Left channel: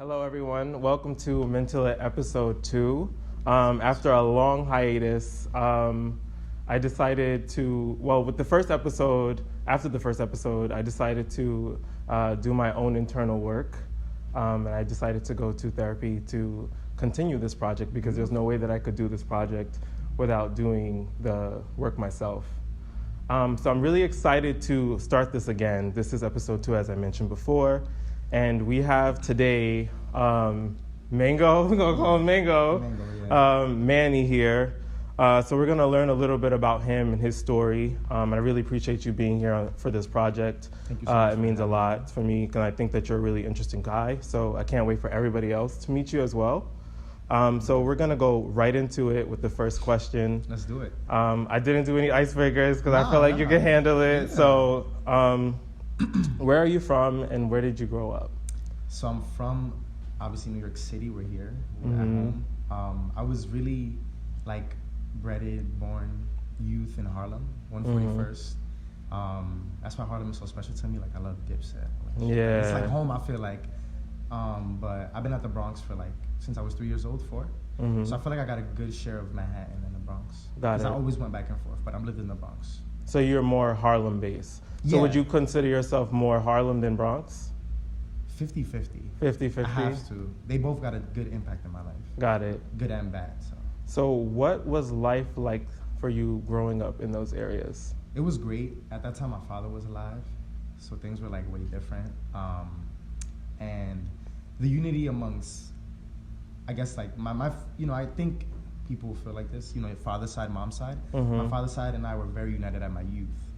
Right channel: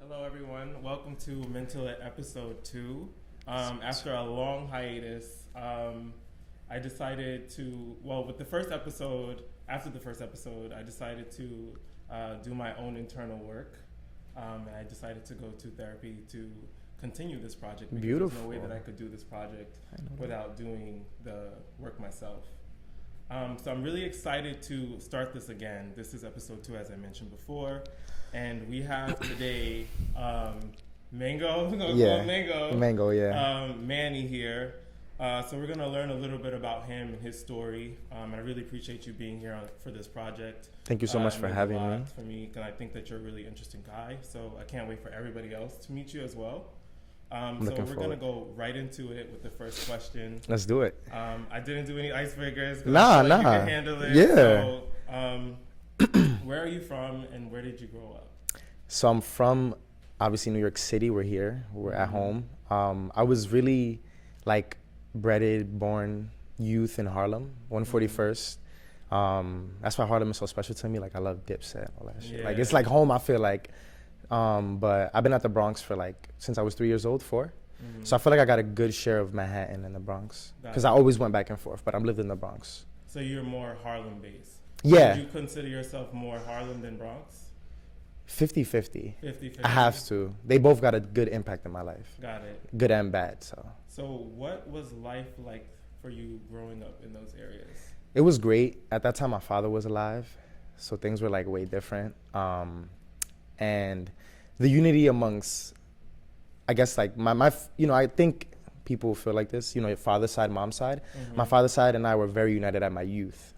Hello, everyone. Welcome to Mental It episode 2. After a long hiatus, I decided to, with the first episode, after the first episode, I decided to do my own internal work. And I decided to go to therapy to continue this project because there's no way that I could do this project without doing the work myself. So I'm really excited to start this again. This is episode 2, as I mentioned before. And we have today Mango, we're going to call him Mango. Mango, yeah. Manny here. So we're going to learn a little bit about him and his story. I really appreciate you being here for this project. Thank you so much It for means a having lot me. for me because I think that you're a really interesting guy. So I can't wait for everybody else to meet you as well. So we're going to go right into it with the first question. Let's do it. I didn't do any icebreakers because I felt like you could handle it. Yeah. So where are you from and where did you grow up? So I'm from, obviously, New York City. We're here. We're at home. I was really, bred, born youth in Harlem, 141st. That's why Harlem is so special to me. I love Dipset, all that shit. Yeah. It's like home, I feel like. But I've been at the Bronx for, since I was 3 years old, 4. So I feel like I got a good share of Manhattan and the Bronx. Because I always went back and forth, but I've lived in the Bronx. So you're more Harlem-based. So Yeah. would you consider yourself more Harlem than Bronx? 50-50. 50-50? I have to. They both got a good impact in my life. Got it. Good and bad, so. So what was life like for you growing up in those areas? It was great. At that time, my father was alive, so things were way different. And the unity amongst, I guess, I think people feel like this, your father's side, mom's side. My father's side and I were very united at my youth,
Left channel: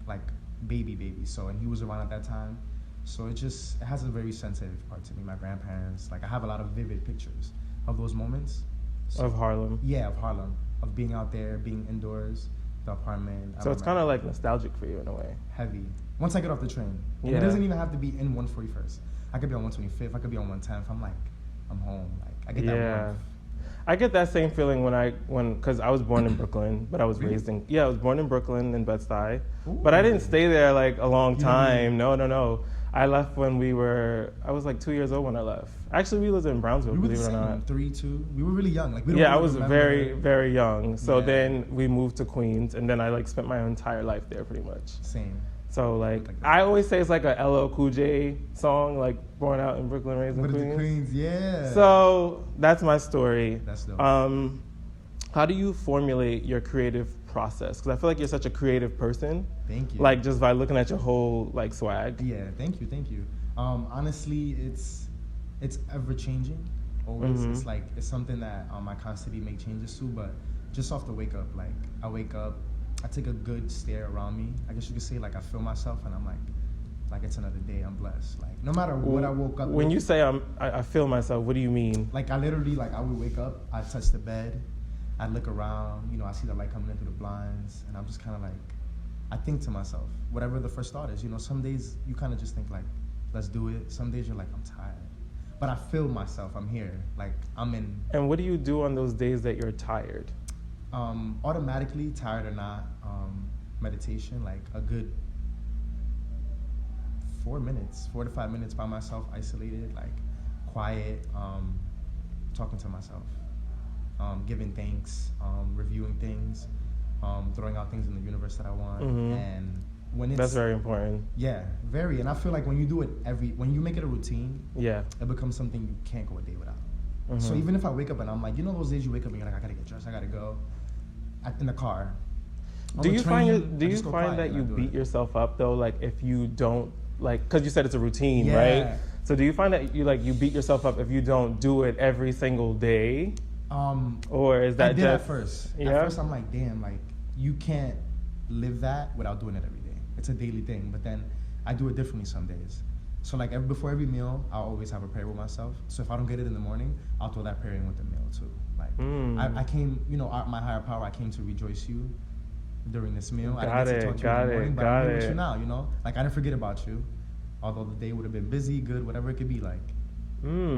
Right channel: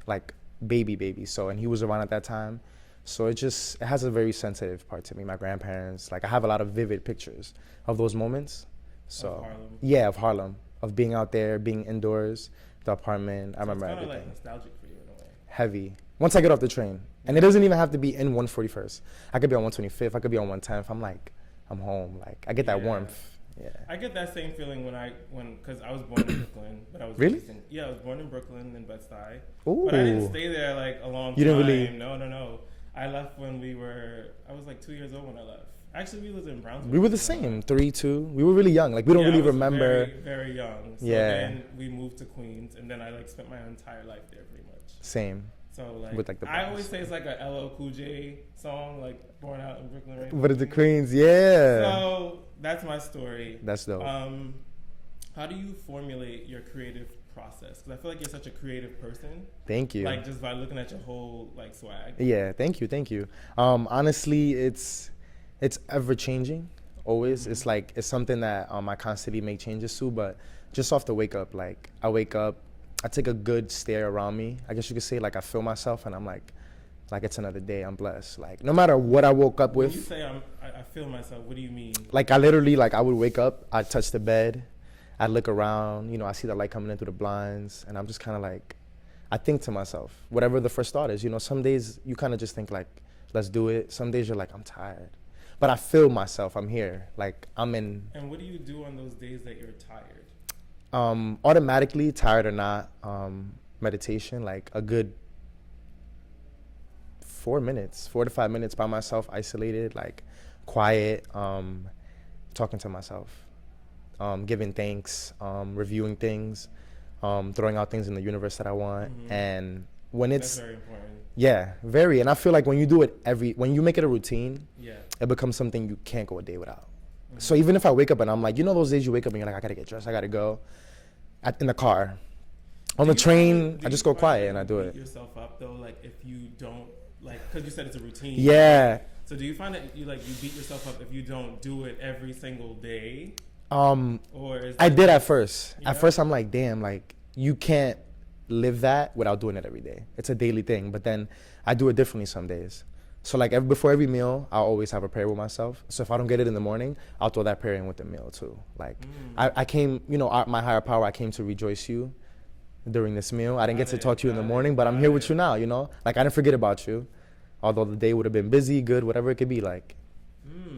baby. So, and he was around at that time. So it has a very sensitive part to me. My grandparents, I have a lot of vivid pictures of those moments. So, of Harlem? Yeah, of Harlem, of being out there, being indoors, the apartment. So it's kind of nostalgic for you in a way. Heavy. Once I get off the train. And it doesn't even have to be in 141st. I could be on 125th. I could be on 110th. I'm home. I get that warmth. Yeah. I get that same feeling because I was born in Brooklyn, but I was Really? raised I was born in Brooklyn in Bed-Stuy. Ooh. But I didn't stay there a long You didn't time. really- No. I left when I was 2 years old when I left. Actually, we lived in Brownsville. We were the believe it or same, not. 3, 2. We were really young. We don't I really was remember. very, very young. So Yeah. then we moved to Queens, and then I spent my entire life there pretty much. Same. So With, the I always say it's a LL Cool J song, born out in Brooklyn, raised in But it's the Queens. Queens, yeah. So that's my story. That's dope. How do you formulate your creative process? Because I feel like you're such a creative person. Thank you. Just by looking at your whole swag. Yeah, thank you. Honestly, it's ever changing. Always. It's it's something that I constantly make changes to, but just off the wake up, I wake up, I take a good stare around me. I guess you could say I feel myself and I'm like it's another day, I'm blessed. No matter what I woke up with. When you say I feel myself, what do you mean? I literally I would wake up, I'd touch the bed, I'd look around, I see the light coming in through the blinds, and I'm just kind of I think to myself, whatever the first thought is, some days you kind of just think let's do it. Some days you're I'm tired. But I feel myself, I'm here, I'm in. And what do you do on those days that you're tired? Automatically, tired or not, meditation, a good 4 to 5 minutes by myself, isolated, quiet, talking to myself, giving thanks, reviewing things, throwing out things in the universe that I want. And when That's very important. Yeah, very. And I feel when you do it when you make it a routine, yeah, it becomes something you can't go a day without. So even if I wake up and I'm those days you wake up and you're I gotta get dressed, I gotta go, in the car, on the train, I just go quiet and I do it. Do you beat yourself up though, if you don't, because you said it's a routine, Yeah. right? So do you find that you beat yourself up if you don't do it every single day? Or is that I did at first. Yeah? At first I'm damn, you can't live that without doing it every day. It's a daily thing, but then I do it differently some days. So before every meal, I'll always have a prayer with myself. So if I don't get it in the morning, I'll throw that prayer in with the meal too. I came, my higher power, I came to rejoice you during this meal. I didn't get to talk to you in the morning, but I'm here with you now, I didn't forget about you. Although the day would have been busy, good, whatever it could be, I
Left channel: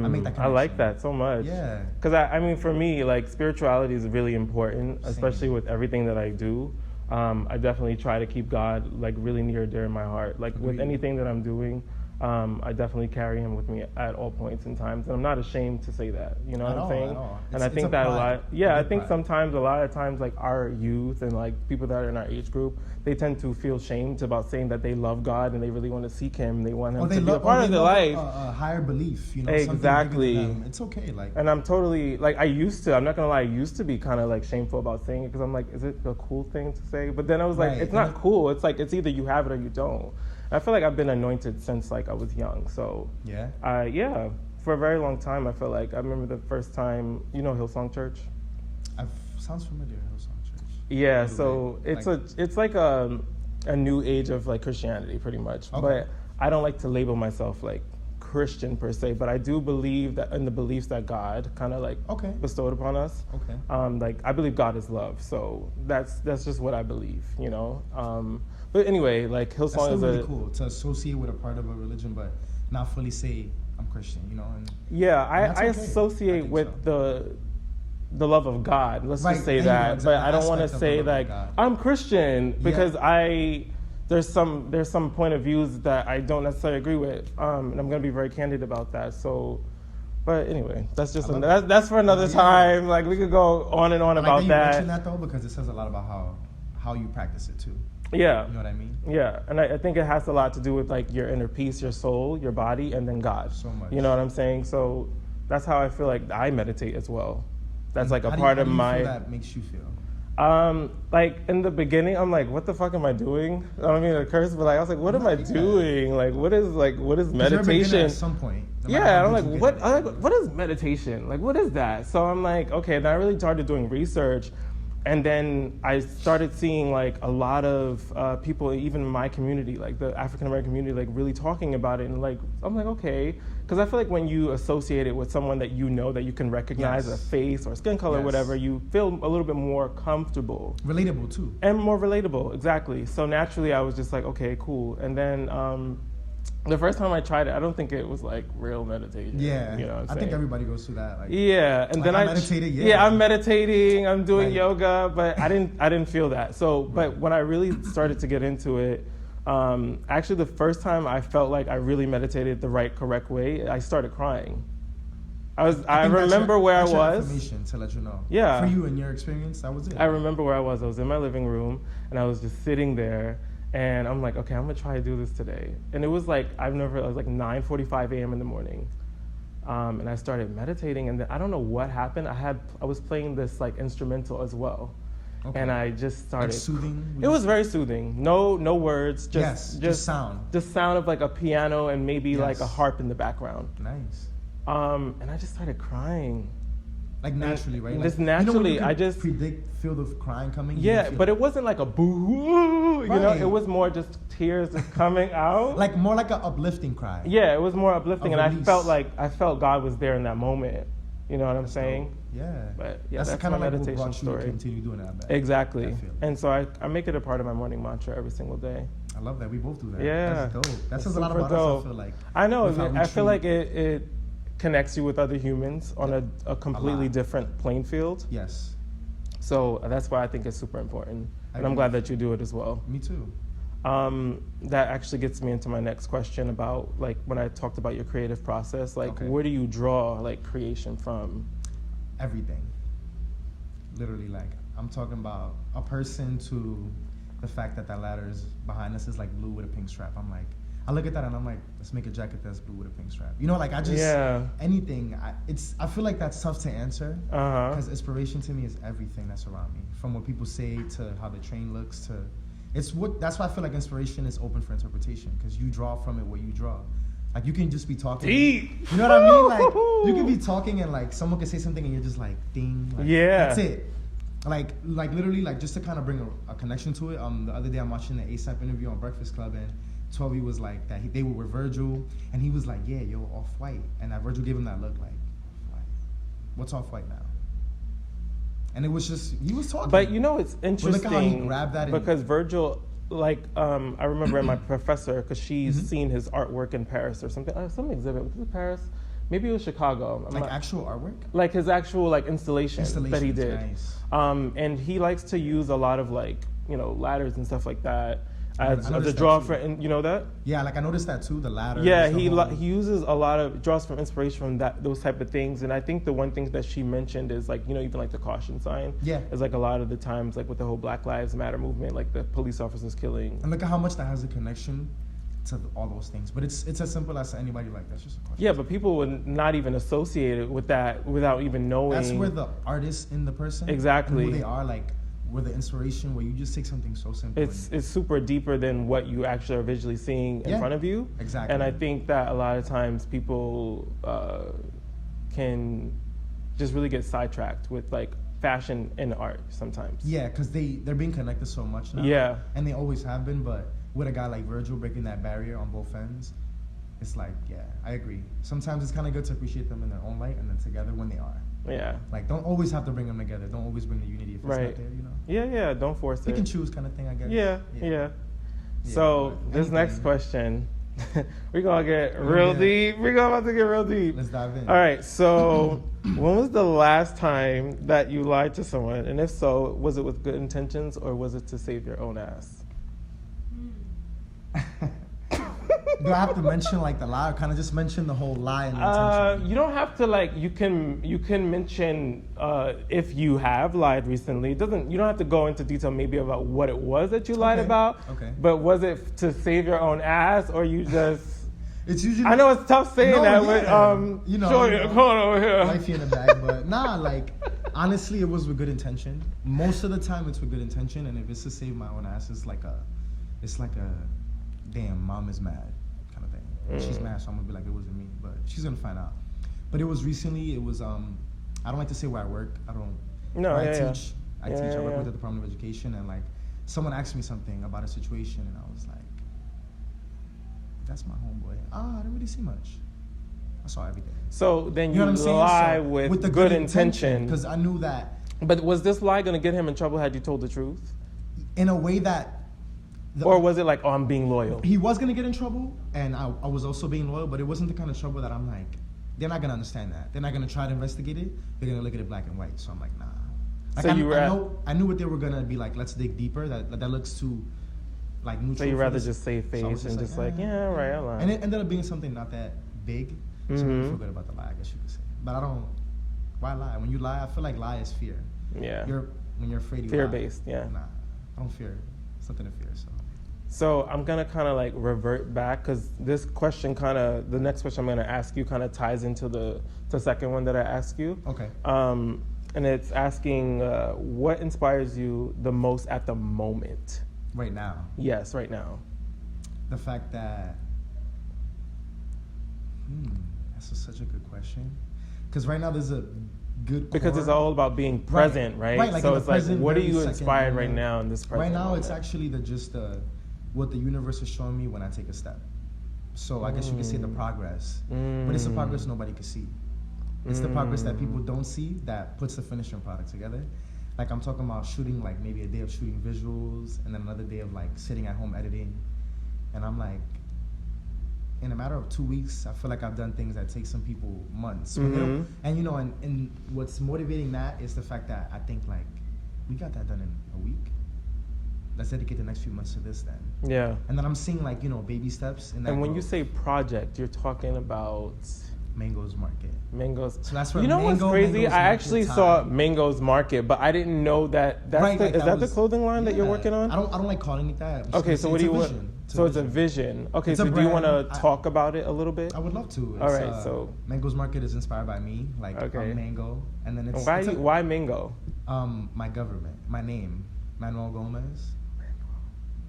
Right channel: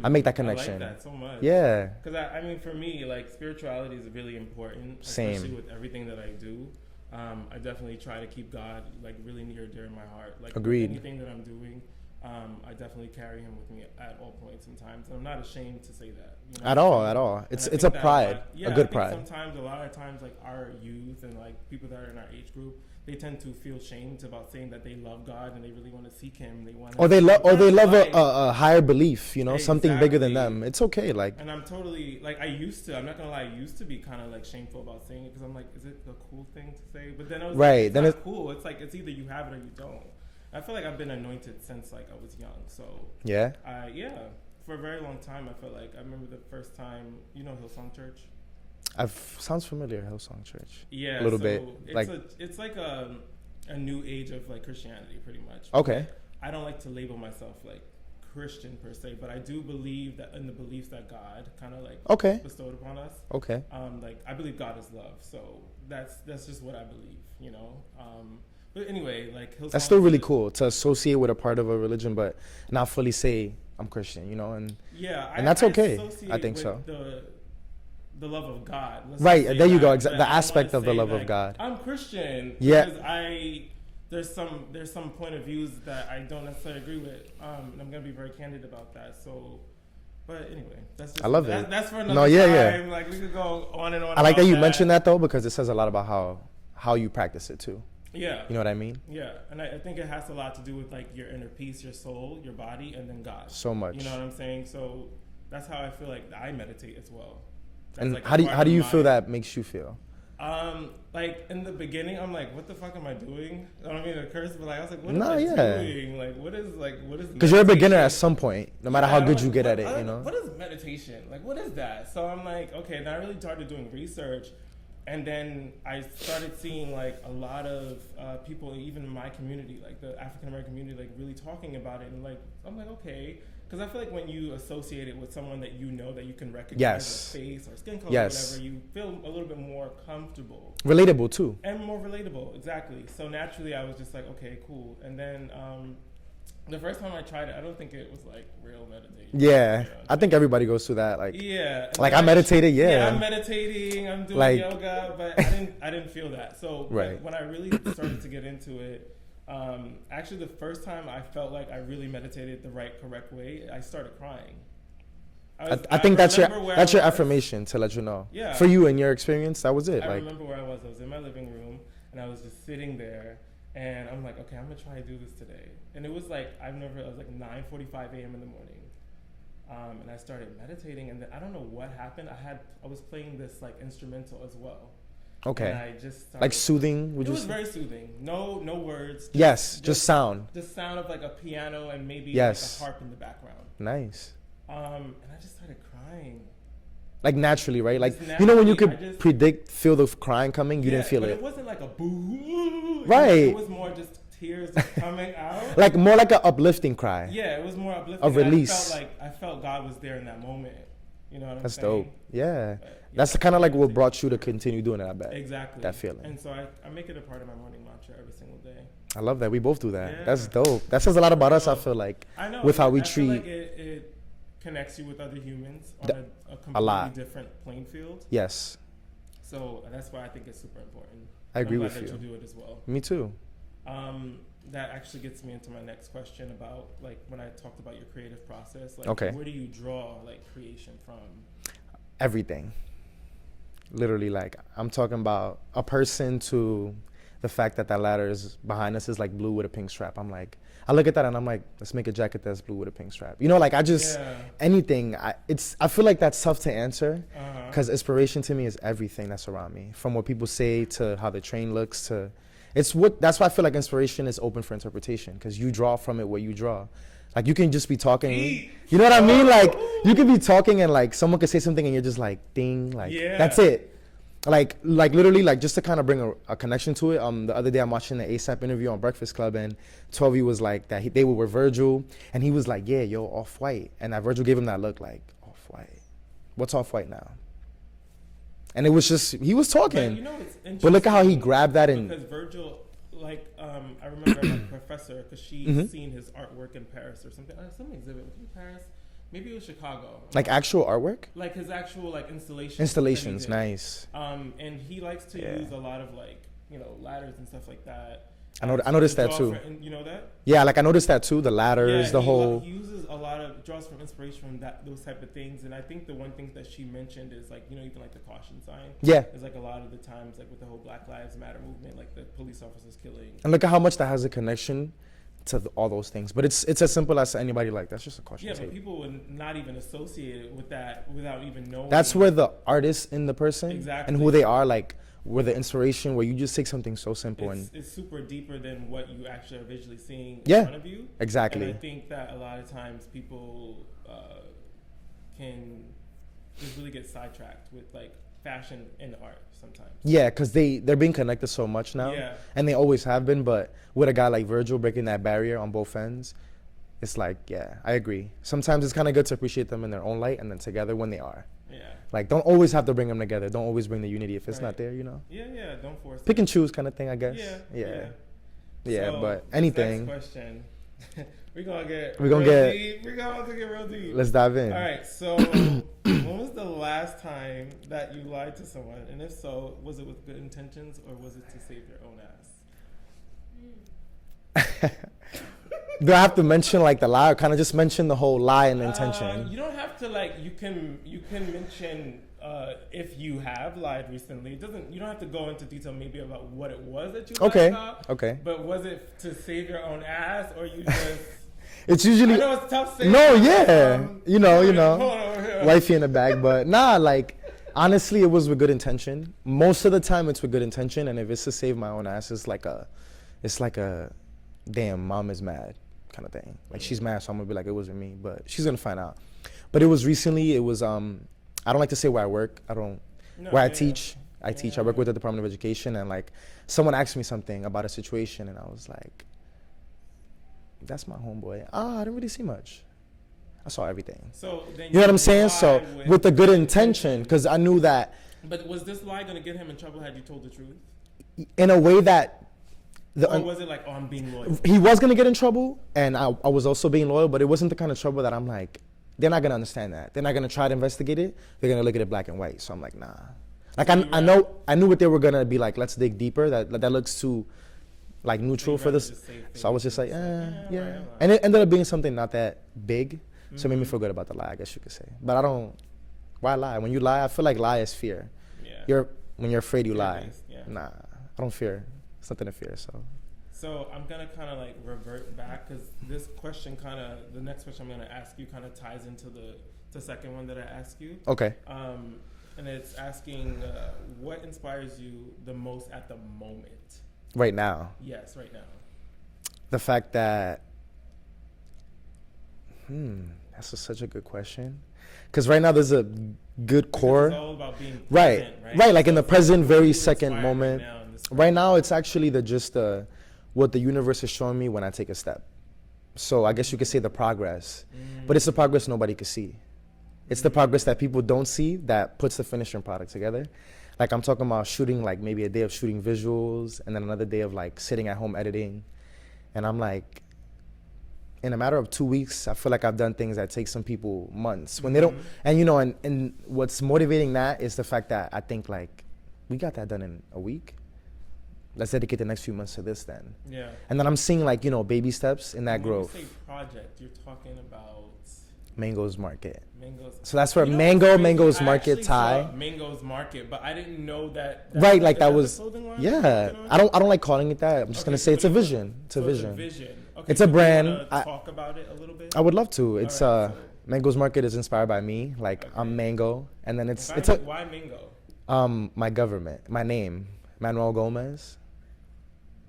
make that connection. I like that so much. Yeah. Because I mean, for me, spirituality is really important, especially with everything that I do. I definitely try to keep God really near and dear in my heart. With Agreed. anything that I'm doing, I definitely carry him with me at all points and times, and I'm not ashamed to say that. You know, At all. It's a pride. Yeah, a good I think pride. sometimes, a lot of times, like our youth and like people that are in our age group, they tend to feel shamed about saying that they love God and they really want to seek Him. They want Him Or they to be love, part of their life. a higher belief. You know, something bigger than Exactly. them. It's okay. Like, And I'm totally, like, I'm not gonna lie, I used to be kind of like shameful about saying it because I'm like, is it a cool thing to say? But then I was like, Right. it's not cool. It's like, it's either you have it or you don't. I feel like I've been anointed since like I was young. So yeah. yeah, for a very long time, I feel like I remember the first time, you know, Hillsong Church. Sounds familiar, Hillsong Church. Yeah, A little so bit. it's like a new age of like Christianity, pretty much. Okay. But I don't like to label myself like Christian per se, but I do believe that in the beliefs that God kind of like bestowed upon us. Okay. Like I believe God is love, so that's just what I believe, you know. But anyway, like Hillsong. That's still really cool to associate with a part of a religion, but not fully say I'm Christian, you know. And yeah, and that's okay. associate with the love of God. Let's right just say there that. you go. The I don't aspect wanna of the say, love like, of God. I'm Christian because there's some point of views that I don't necessarily agree with, and I'm gonna be very candid about that. So. But anyway, that's just that's for another time. Like we could go on and on. I like that you mentioned that though, because it says a lot about how you practice it too. Yeah. You know what I mean? Yeah, and I think it has a lot to do with like your inner peace, your soul, your body, and then God. So much. You know what I'm saying? So that's how I feel like I meditate as well. That's like how do you feel that makes you feel? Like in the beginning, I'm like, what the fuck am I doing? I don't mean to curse, but like, I was like, what am I doing? Like, what is meditation? Because you're a beginner at some point, no matter how good you get at it. You know? What is meditation? Like, what is that? So I'm like, okay, and I really started doing research. And then I started seeing like a lot of people, even in my community, like the African American community, like really talking about it. And like, I'm like, okay. Because I feel like when you associate it with someone that you know that you can recognize a face or skin color or whatever, you feel a little bit more comfortable. Relatable too. And more relatable, exactly. So naturally I was just like, okay, cool. And then the first time I tried it, I don't think it was like real meditation. Yeah, you know I think everybody goes through that. Like, yeah, and like I meditated. Yeah, I'm meditating. I'm doing yoga, but I didn't feel that. So, but when I really started to get into it, actually, the first time I felt like I really meditated the correct way, I started crying. I think that's your affirmation to let you know. Yeah. For you and your experience, that was it. I remember where I was. I was in my living room, and I was just sitting there. And I'm like, okay, I'm gonna try to do this today. And it was like, it was like 9:45 a.m. in the morning. And I started meditating, and then I don't know what happened. I was playing this like instrumental as well. Okay. And I just started. Like soothing? It was very soothing. No words. Just sound. The sound of like a piano and maybe like a harp in the background. Nice. And I just started crying. Like naturally, right? Like naturally, you know when you could feel the crying coming, you didn't feel but it. it wasn't like a boo. Right. It was more just tears coming out. Like more like an uplifting cry. Yeah, it was more uplifting. And I felt God was there in that moment. You know what I'm saying? Dope. Yeah. But, that's kind of like what brought you to continue doing it, I bet. Exactly. That feeling. And so I make it a part of my morning mantra every single day. I love that. We both do that. Yeah. That's dope. That says a lot about us, I feel like. I know. With how we I treat. feel like it connects you with other humans on a completely different playing field. Yes. So that's why I think it's super important. I'm glad that you do it as well. Me too. That actually gets me into my next question about like when I talked about your creative process, like where do you draw like creation from? Everything. Literally, like I'm talking about a person to the fact that ladder is behind us is like blue with a pink strap. I'm like, I look at that and I'm like, let's make a jacket that's blue with a pink strap. You know, like I just anything. I feel like that's tough to answer because inspiration to me is everything that's around me, from what people say to how the train looks to. That's why I feel like inspiration is open for interpretation because you draw from it where you draw. Like you can just be talking, you know what I mean? Like you can be talking and like someone could say something and you're just like, ding, like that's it. Like literally, like just to kind of bring a connection to it. The other day I'm watching the ASAP interview on Breakfast Club and 12 was like that they were with Virgil and he was like, yeah, yo, Off-White, and that Virgil gave him that look like, Off-White, what's Off-White now? And it was just he was talking. But you know it's interesting. But look at how he grabbed that because Virgil. Like, I remember my professor, because she's seen his artwork in Paris or something. Some exhibit. Was it Paris? Maybe it was Chicago. Like actual artwork? Like his actual like installations that he did. Nice. And he likes to use a lot of like, ladders and stuff like that. I as noticed the that draw too. you know that? Yeah, like I noticed that too. The ladders, Yeah, the whole. he uses a lot of draws from inspiration from those type of things, and I think the one thing that she mentioned is like even like the caution sign. Yeah. It's like a lot of the times like with the whole Black Lives Matter movement, like the police officers killing. And look at how much that has a connection to all those things. But it's as simple as anybody like that's just a caution. Yeah, but people would not even associate it with that without even knowing. That's where the artist in the person Exactly. and who they are, like where the inspiration, where you just take something so simple it's super deeper than what you actually are visually seeing in Yeah, front of you. exactly. And I think that a lot of times people can just really get sidetracked with like fashion and art sometimes. Yeah, because they're being connected so much now. Yeah. And they always have been, but with a guy like Virgil breaking that barrier on both ends, it's like, yeah, I agree. Sometimes it's kind of good to appreciate them in their own light and then together when they are. Yeah. Like, don't always have to bring them together. Don't always bring the unity if it's Right. not there, you know? Yeah, don't force Pick it. and choose kind of thing, I guess. Yeah. Yeah, So but this anything. next question, we're gonna get We're gonna real get- deep. We're about to get real deep. Let's dive in. All right. So, when was the last time that you lied to someone, and if so, was it with good intentions or was it to save your own ass? Do I have to mention like the lie or kind of just mention the whole lie and intention? You don't have to like. You can mention if you have lied recently. You don't have to go into detail maybe about what it was that you lied Okay, about. okay. But was it to save your own ass or you just? It's usually I know it's tough saying No, that. yeah. But, You know. Hold on over here. Wifey in the bag, but nah, like honestly, it was with good intention. Most of the time, it's with good intention, and if it's to save my own ass, it's like a, damn, mom is mad kind of thing. And she's mad, so I'm gonna be like, it wasn't me, but she's gonna find out. But it was recently. It was I don't like to say where I work. I don't. No, where yeah, I teach. yeah. I teach. Yeah, I work yeah. with the Department of Education, and like someone asked me something about a situation, and I was like, that's my homeboy. I didn't really see much. I saw everything. So then You know what I'm saying? So lied with the good intention, because I knew that But was this lie gonna get him in trouble had you told the truth, in a way that, or was it like, oh, I'm being loyal? he was gonna get in trouble, and I was also being loyal, but it wasn't the kind of trouble that I'm like, they're not gonna understand that. They're not gonna try to investigate it. They're gonna look at it black and white. So I'm like, nah. Like So you were I knew what they were gonna be like. Let's dig deeper. That looks too like So neutral you for rather this. just save face. So I was just and like, yeah, right, I'm lying. And it ended up being something not that big, so it made me Mhm. feel good about the lie, I guess you could say. But I don't. Why lie? When you lie, I feel like lie is fear. Yeah. When you're afraid, you lie. Fear-based, yeah. Nah, I don't fear. It's nothing to fear. So I'm gonna kind of like revert back because this question the next question I'm gonna ask you kind of ties into the second one that I asked you. Okay. And it's asking what inspires you the most at the moment. Right now, Yes, right now. the fact that. That's such a good question. Because right now there's a good Because core. it's all about being present, right? Right, like So in the it's present, what are very you second inspired moment. Right now, in this present Right now, moment? it's actually what the universe is showing me when I take a step. So I guess you could say the progress, but it's the progress nobody can see. It's the progress that people don't see that puts the finishing product together. Like I'm talking about shooting, like maybe a day of shooting visuals, and then another day of like sitting at home editing, and I'm like, in a matter of 2 weeks, I feel like I've done things that take some people months when they don't. And you know, and what's motivating that is the fact that I think like, we got that done in a week. Let's dedicate the next few months to this then. Yeah. And then I'm seeing like, baby steps in that And when growth. you say project, you're talking about Mango's Market. Mango's. So that's where You know what's Mango's crazy? Market I actually tie. saw Mango's Market, but I didn't know that. That's Right, the, like is that that was the clothing line yeah. that you're working on? I don't like calling it that. I'm just Okay, gonna so say what it's do a you want? vision. So it's a vision. Okay, It's so a do brand. you want to talk about it a little bit? I would love to. It's All right, so- Mango's Market is inspired by me. Like Okay. I'm Mango, and then it's Why Mango? my government, my name, Manuel Gomez.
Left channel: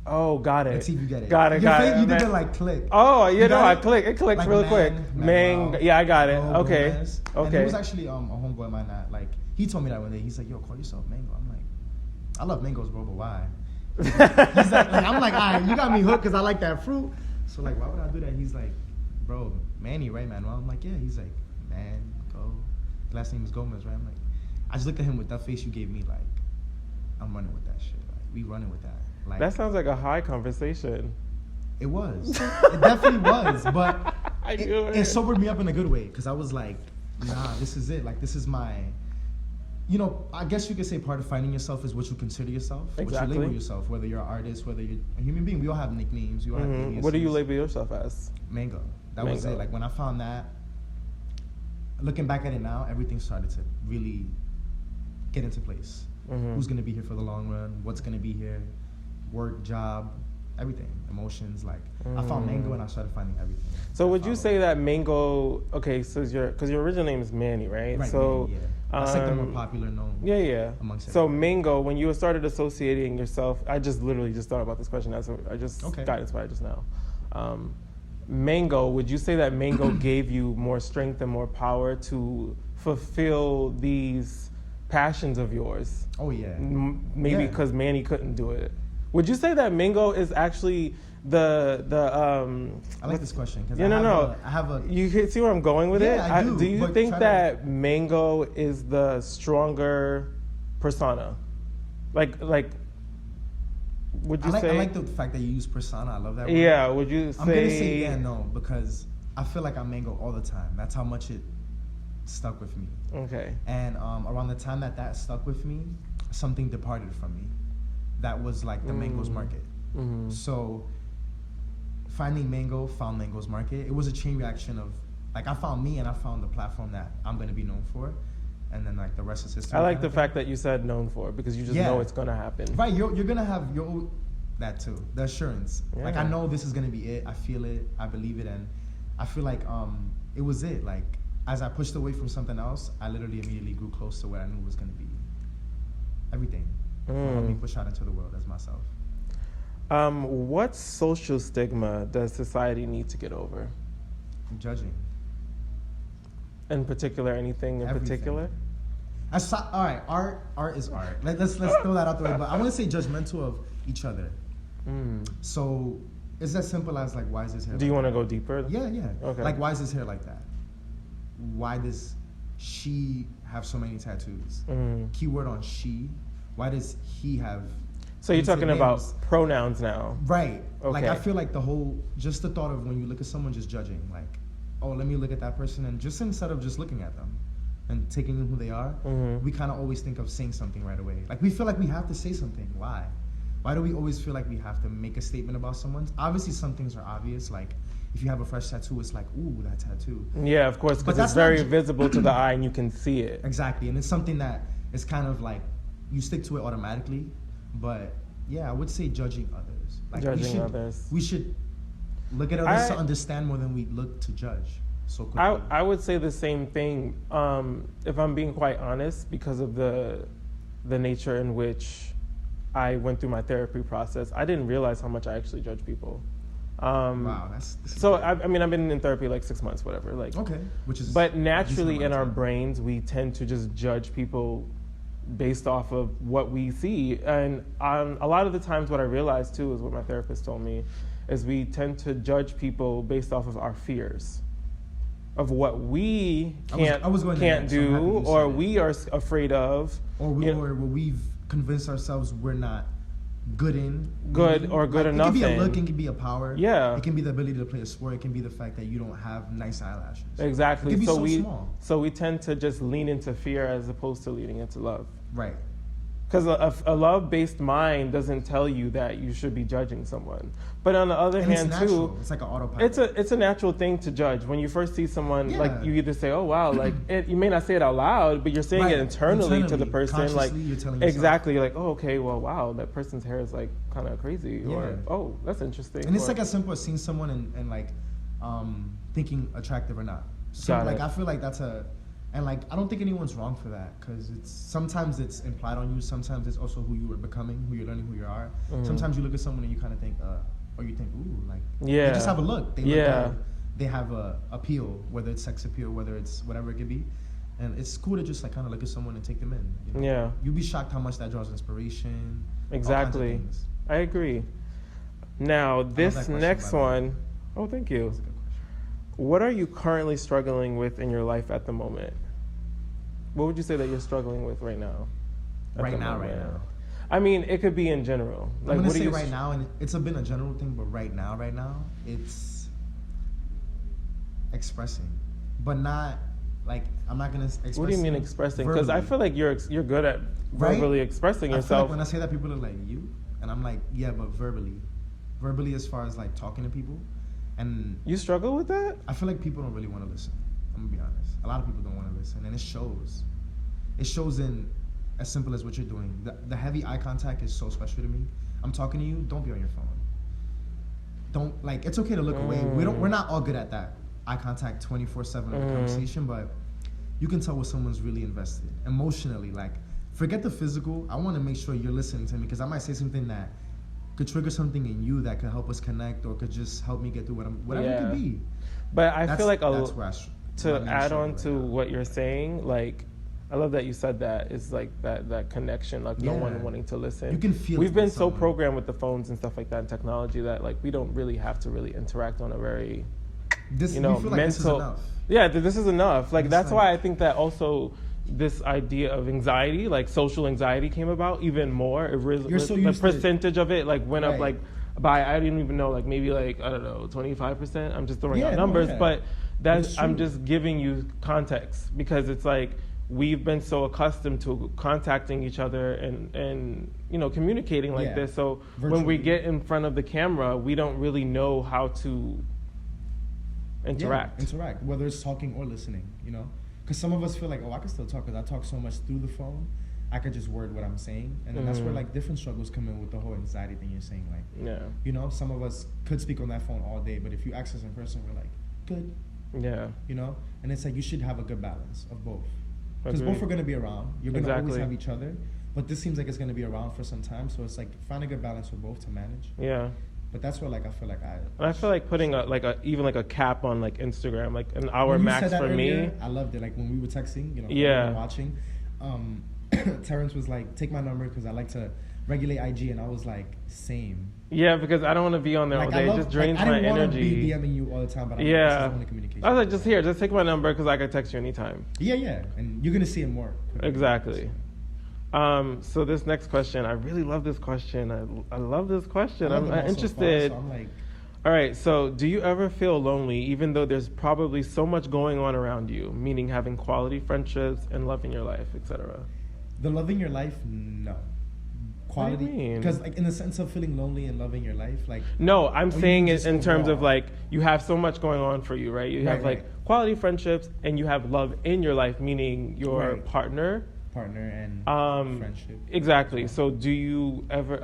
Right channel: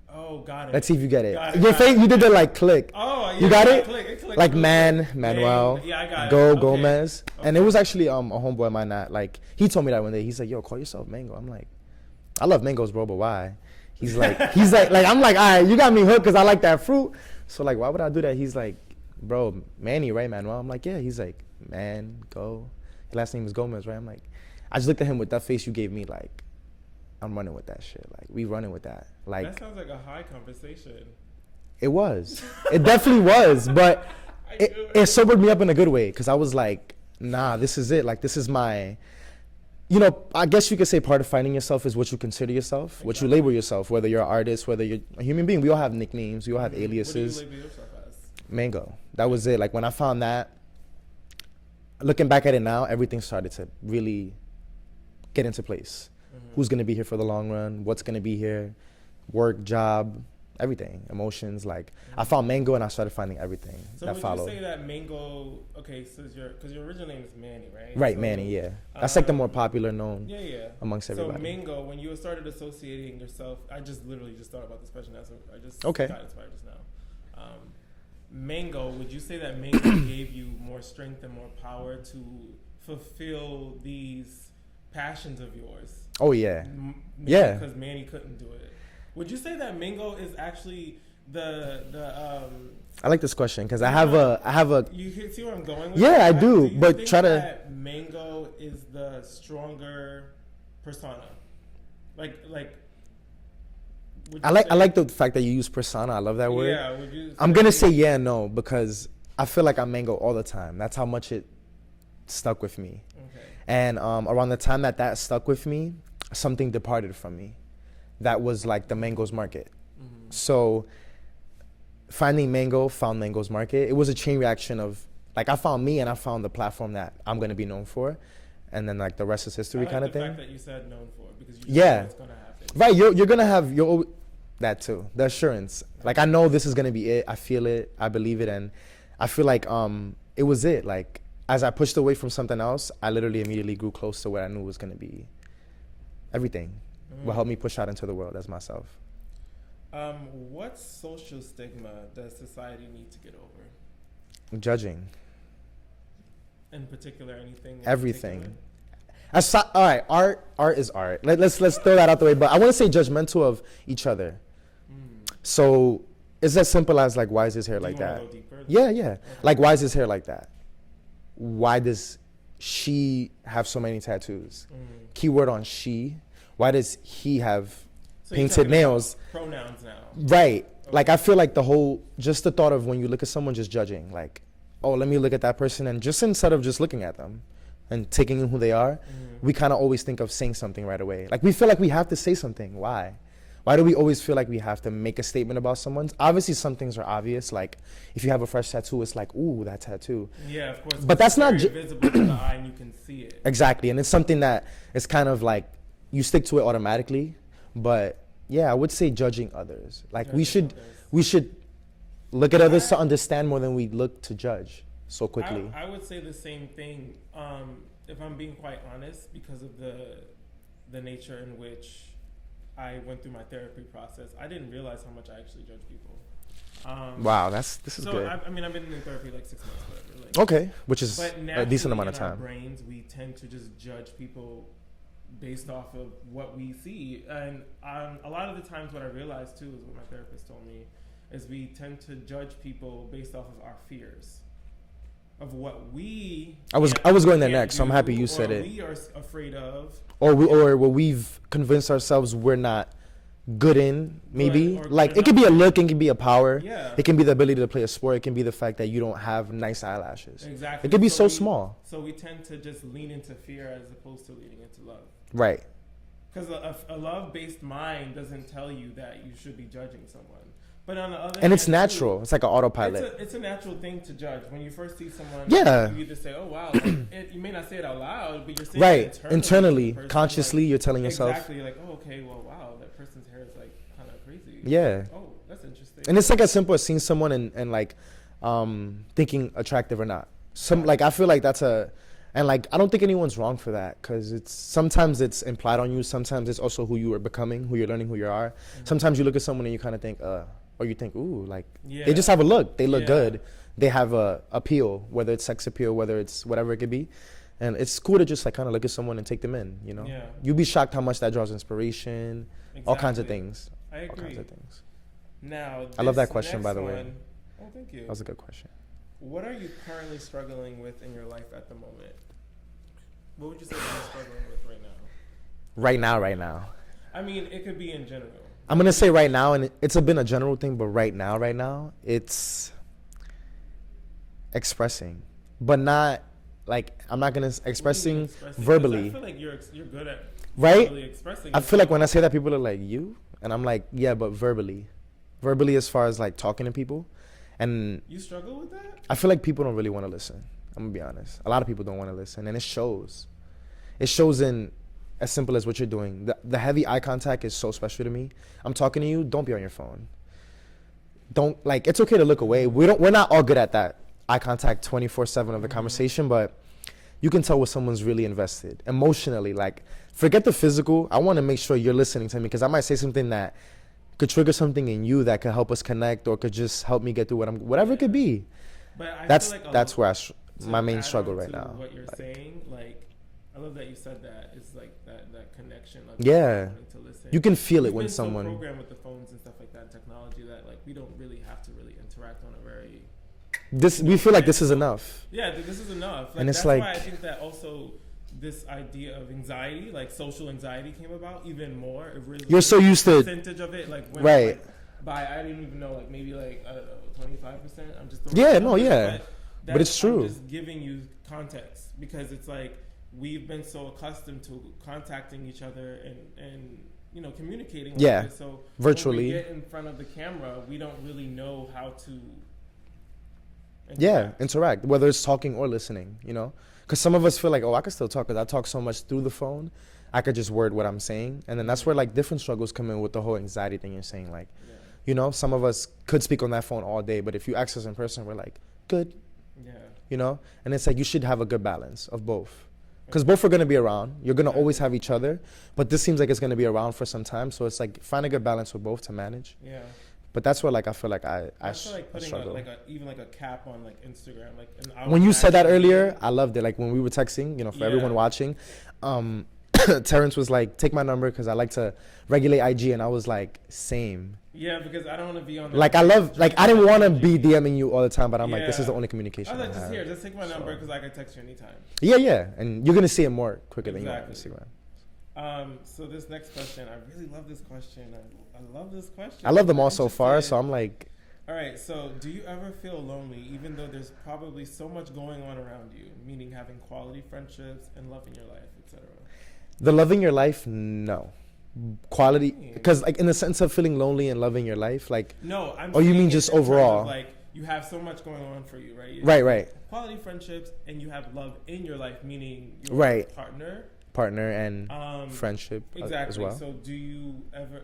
Oh, got it. Let's see if you get it. Got it. You got think it. you did the like click. Oh, yeah, You got no, it? It clicked Like really man, quick. Manuel. Yeah, I got it. Go Okay. Gomez. And Okay. it was actually a homeboy of mine that like he told me that one day. He's like, "Yo, call yourself Mango." I'm like, I love mangoes, bro, but why? He's like, I'm like, all right, you got me hooked because I like that fruit. So like, why would I do that? He's like, bro, Manny, right, Manuel? I'm like, yeah. He's like, man, go. His last name is Gomez, right? I'm like, I just looked at him with that face you gave me, like, I'm running with that shit. Like, we running with that. Like, That sounds like a high conversation. it was. It definitely was. But I knew it sobered me up in a good way because I was like, nah, this is it. Like, this is my you know, I guess you could say part of finding yourself is what you consider yourself, what you label yourself, whether you're an artist, whether you're a human being. We all have nicknames, we all have aliases. What do you label yourself as? Mango. That was it. Like when I found that, looking back at it now, everything started to really get into place. Who's going to be here for the long run? What's going to be here? Work, job, everything, emotions. Like I found Mango and I started finding everything. So would you say that Mango? Okay, so because your original name is Manny, right? Right, so, Manny. Yeah, that's like the more popular known. Yeah. Amongst so everybody. Mango, when you started associating yourself, I just literally just thought about this question. I just got inspired just now. Mango, would you say that Mango gave you more strength and more power to fulfill these passions of yours? Oh yeah. Maybe because Manny couldn't do it. Would you say that Mango is actually the I like this question because I have a. You see where I'm going with it? Yeah, I do. Do you but think that Mango is the stronger persona? Like. I like the fact that you use persona. I love that word. Yeah. Would you? I'm gonna say yeah, no, because I feel like I'm Mango all the time. That's how much it stuck with me. Okay. And around the time that stuck with me, something departed from me. That was like the Mango's Market. So finding Mango, found Mango's Market. It was a chain reaction of like I found me and I found the platform that I'm gonna be known for, and then like the rest is history. I like kind the of fact that you said known for because you just know it's gonna happen. Right, you're gonna have your that too, the assurance. Yeah. Like I know this is gonna be it. I feel it. I believe it, and I feel like it was it. Like as I pushed away from something else, I literally immediately grew close to where I knew was gonna be everything. Will help me push out into the world as myself. What social stigma does society need to get over? Judging. In particular, anything in everything. Particular? All right, art is art. Let's throw that out the way. But I want to say judgmental of each other. So it's as simple as like, why is his hair like that? Do you want to go deeper? Yeah. Okay. Like, why is his hair like that? Why does she have so many tattoos? Keyword on she. Why does he have painted nails? About pronouns now. Right. Okay. Like I feel like just the thought of when you look at someone just judging, like, oh, let me look at that person, and just instead of just looking at them and taking in who they are, we kind of always think of saying something right away. Like we feel like we have to say something. Why? Why do we always feel like we have to make a statement about someone? Obviously, some things are obvious. Like if you have a fresh tattoo, it's like, ooh, that tattoo. Yeah, of course. But that's very visible to the eye, and you can see it. Exactly, and it's something that is kind of like you stick to it automatically. But yeah, I would say judging others. Like we should look at others to understand more than we look to judge so quickly. I would say the same thing. If I'm being quite honest, because of the nature in which I went through my therapy process, I didn't realize how much I actually judge people. Wow, this is so. good. I mean, I've been in therapy like 6 months, whatever. Like okay, which is but naturally in our brains, we tend to just judge people based off of what we see, and a lot of the times, what I realized too is what my therapist told me, is we tend to judge people based off of our fears, of what we I was going there next. So I'm happy you said it. Or we are afraid of, or what we've convinced ourselves we're not good in, maybe. Or good like enough. It could be a look, it can be a power. Yeah. It can be the ability to play a sport. It can be the fact that you don't have nice eyelashes. Exactly. It can be so small. So we tend to just lean into fear as opposed to leaning into love. Right. Because a love-based mind doesn't tell you that you should be judging someone. But on the other hand, and it's natural. It's like an autopilot. It's a natural thing to judge. When you first see someone, yeah. you either say, oh, wow, like you may not say it out loud, but you're saying it internally to the person. Consciously, like, you're telling yourself. Exactly, like, oh, okay, well, wow, that person's hair is like kind of crazy. Yeah. Like, oh, that's interesting. And it's like as simple as seeing someone and like thinking attractive or not. Like I feel like and like I don't think anyone's wrong for that, because sometimes it's implied on you. Sometimes it's also who you are becoming, who you're learning who you are. Sometimes you look at someone and you kind of think, or you think, ooh, like they just have a look. They look good. They have a appeal, whether it's sex appeal, whether it's whatever it could be. And it's cool to just like kind of look at someone and take them in. You know, yeah. You'll be shocked how much that draws inspiration. Exactly. All kinds of things. I agree. Now this next one, oh, thank you. That was a good question. What are you currently struggling with in your life at the moment? What would you say that you're struggling with right now? Right now. I mean, it could be in general. Like, I'm gonna say right now, and it's been a general thing, but right now, it's expressing, but not Like, I'm not gonna express What do you mean it expressing? 'Cause verbally. I feel like you're good at Right? verbally expressing I yourself. feel like when I say that, people are like, you? And I'm like, yeah, but verbally. Verbally as far as like talking to people. And You struggle with that? I feel like people don't really want to listen. I'm gonna be honest. A lot of people don't want to listen, and it shows. It shows in as simple as what you're doing. The heavy eye contact is so special to me. I'm talking to you, don't be on your phone. Don't, like, it's okay to look away. We're not all good at that eye contact 24/7 of the conversation, but you can tell when someone's really invested emotionally. Like, forget the physical. I want to make sure you're listening to me, because I might say something that could trigger something in you that could help us connect, or could just help me get through whatever it could be. But I That's feel like that's where my main add struggle on right to now. what you're saying, like, I love that you said that. It's like that connection, like, Yeah. wanting to listen. You can feel We've it when been so someone. programmed with the phones and stuff like that, and technology, that like we don't really have to really interact on a very This we feel like this is mental- enough. Yeah, this is enough. Like, And it's that's why I like- think that also this idea of anxiety, like social anxiety, came about even more. It really, You're so the used to- percentage of it, like when I'm Right. like, I didn't even know, like maybe like I don't know, 25%. I'm just throwing Yeah, out no, numbers, yeah. but that's it's I'm true. just giving you context, because it's like we've been so accustomed to contacting each other and communicating like Yeah, this. So virtually. when we get in front of the camera, we don't really know how to Yeah, interact. interact, whether it's talking or listening, Because some of us feel like, oh, I can still talk, because I talk so much through the phone. I could just word what I'm saying. And then that's where, like, different struggles come in with the whole anxiety thing you're saying. Like, Yeah. some of us could speak on that phone all day, but if you ask us in person, we're like, good, Yeah. And it's like you should have a good balance of both. Because Agreed. both are going to be around. You're going to always Exactly. have each other. But this seems like it's going to be around for some time. So it's like, find a good balance with both to manage. Yeah. But that's where, like, I feel like I feel like putting struggle. even a cap on like Instagram, like an hour. When you max said that for me. earlier, I loved it. Like when we were texting, for Yeah. everyone watching, Terrence was like, "Take my number because I like to regulate IG," and I was like, "Same." Yeah, because I don't want to be on there. Like all I day. It love, just like drains I didn't my want to energy. be DMing you all the time, but I'm like, this Yeah. is the only communication. I was like, I just have. here, just take my number because I can text you anytime. Yeah, and you're gonna see it more quicker. than Exactly. you see it. So this next question, I really love this question. I love this question. I love I'm them all so far, interested. so I'm like, All right, so do you ever feel lonely even though there's probably so much going on around you, meaning having quality friendships and loving your life, etc.? the loving your life, no. Quality, What do you mean? because like in the sense of feeling lonely and loving your life, like No, I'm Oh, you saying mean in just terms overall? of like you have so much going on for you, right? You have, Right, like, right. Quality friendships and you have love in your life, meaning your Right. partner. partner and friendship. Exactly. as well. So do you ever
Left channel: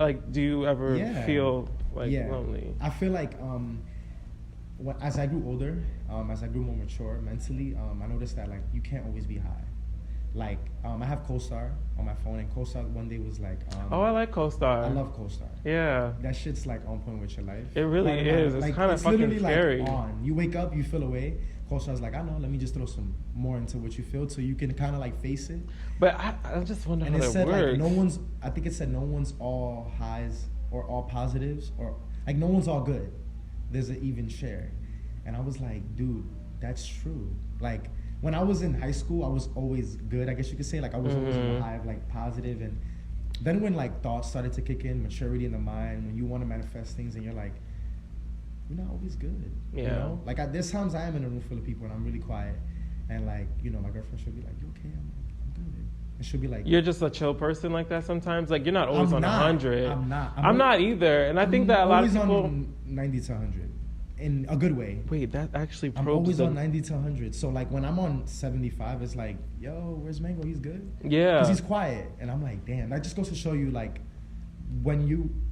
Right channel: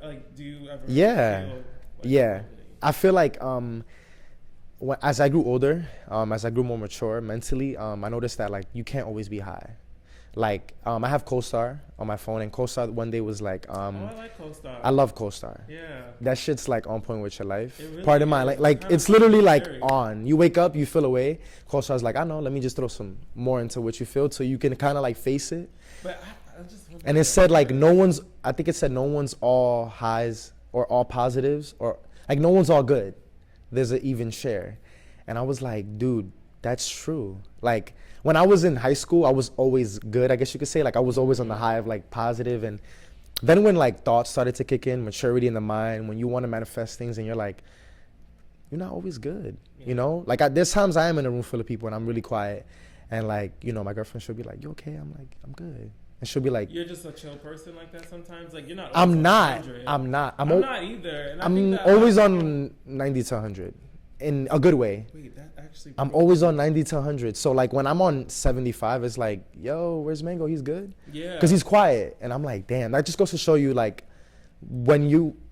Yeah. feel like Yeah. lonely? I feel like as I grew older, as I grew more mature mentally, I noticed that like you can't always be high. Like I have CoStar on my phone, and CoStar one day was like, Oh, I like CoStar. I love CoStar. Yeah. That shit's like on point with your life. It really Pardon my is. like, It's like kinda it's literally fucking like scary. on. You wake up, you feel away. CoStar's like, I know. Let me just throw some more into what you feel, so you can kind of like face it. But I just wonder. And how it said like works. no one's. I think it said no one's all highs or all positives, or like no one's all good. There's an even share. And I was like, dude, that's true. Like when I was in high school, I was always good, I guess you could say. Like I was always on the high of like positive. And then when like thoughts started to kick in, maturity in the mind, when you want to manifest things and you're like, you're not always good. Yeah. Like there's times I am in a room full of people and I'm really quiet. And like, my girlfriend, she'll be like, you okay? I'm like, I'm good. And she'll be like, You're just a chill person like that sometimes. Like you're not always I'm on not. 100. I'm not. I'm not either. And I I'm think that a lot of always people- on 90 to 100 in a good way. Wait, that actually. I'm proves always on something. 90 to 100. So like when I'm on 75, it's like, yo, where's Mango? He's good. Yeah. Because he's quiet. And I'm like, damn, that just goes to show you like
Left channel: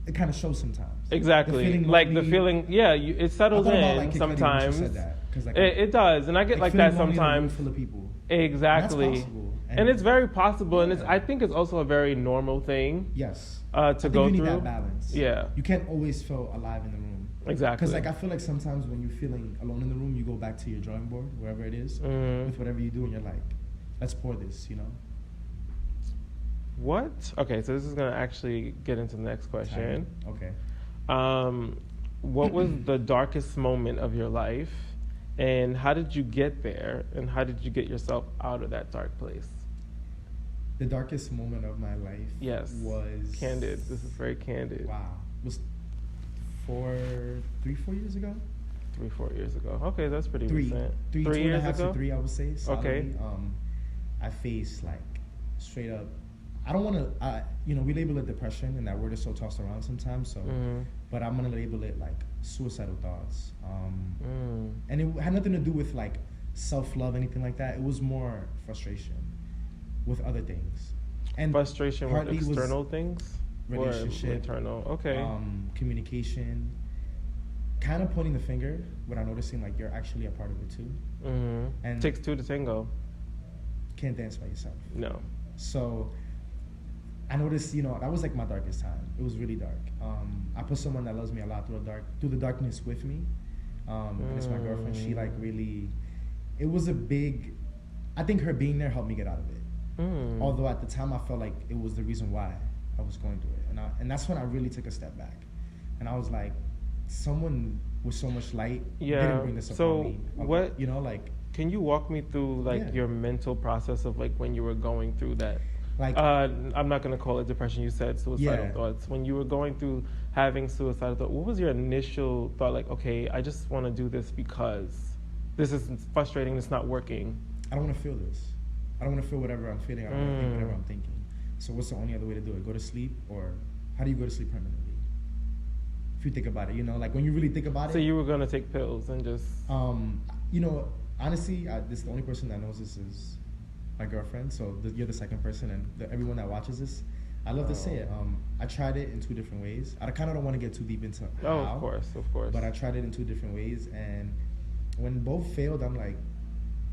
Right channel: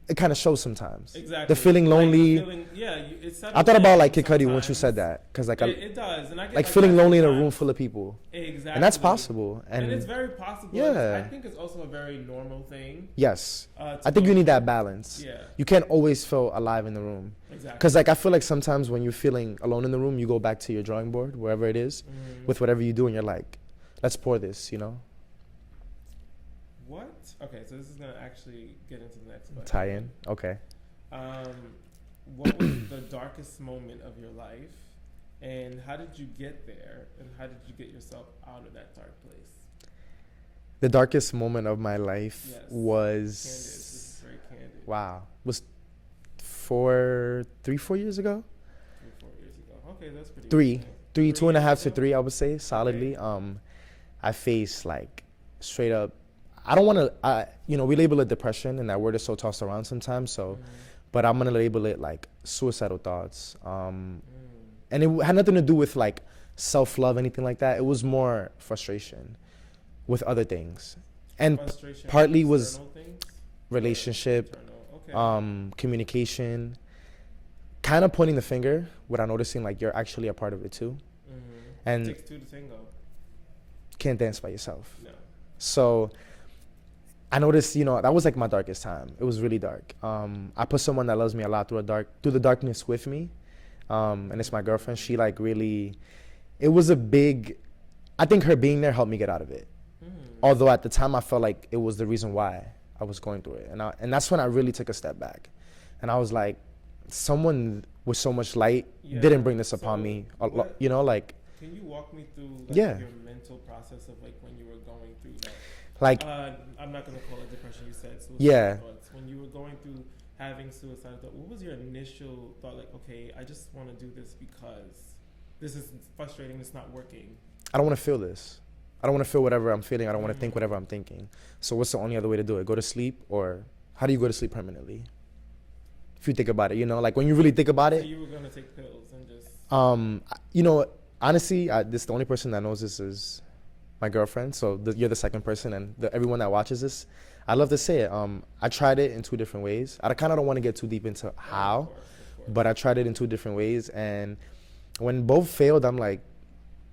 it kind of shows sometimes. Exactly. The feeling Like lonely. the feeling, yeah, it settles I thought in about like Kid Cudi when you sometimes. said that. Because like, It does. And I get like like feeling that lonely in a room sometimes. full of people. Exactly. And that's possible. And it's very possible. And Yeah. I think it's also a very normal thing. Yes. To I go think you need through. that balance. Yeah. You can't always feel alive in the room. Exactly. Because like I feel like sometimes when you're feeling alone in the room, you go back to your drawing board, wherever it is, with whatever you do, and you're like, let's pour this, What? Okay, so this is gonna actually get into the next question. Tie in. Okay. What was the darkest moment of your life, and how did you get there, and how did you get yourself out of that dark place? The darkest moment of my life Yes. was Candid. This is very candid. Wow. Was 4 years ago. 3-4 years ago. Okay, that's pretty Three, recent. 2.5 years to ago? 3, I would say, solidly. I face like straight up. I don't want to, we label it depression, and that word is so tossed around sometimes. So, but I'm gonna label it like suicidal thoughts. And it had nothing to do with like self-love, anything like that. It was more frustration with other things, and Frustration partly with was external things? Or relationship, internal? Okay. communication, kind of pointing the finger without noticing like you're actually a part of it too. And Takes two to tango. can't dance by yourself. No. So I noticed, that was like my darkest time. It was really dark. I put someone that loves me a lot through the darkness with me, and it's my girlfriend. She like really, it was a big. I think her being there helped me get out of it. Although at the time I felt like it was the reason why I was going through it, and that's when I really took a step back, and I was like, someone with so much light didn't bring this upon me. Like. Can you walk me through like your mental process of like when you were going through that? Like, I'm not gonna call it depression. You said suicidal thoughts. When you were going through having suicidal thoughts, what was your initial thought? Like, okay, I just want to do this because this is frustrating. It's not working. I don't want to feel this. I don't want to feel whatever I'm feeling. I don't want to think whatever I'm thinking. So what's the only other way to do it? Go to sleep, or how do you go to sleep permanently? If you think about it, like when you really think about it. So you were gonna take pills and just. Honestly, this the only person that knows this is my girlfriend. So you're the second person, and everyone that watches this, I love to say it. I tried it in 2 different ways. I kind of don't want to get too deep into how, of course. But I tried it in 2 different ways, and when both failed, I'm like,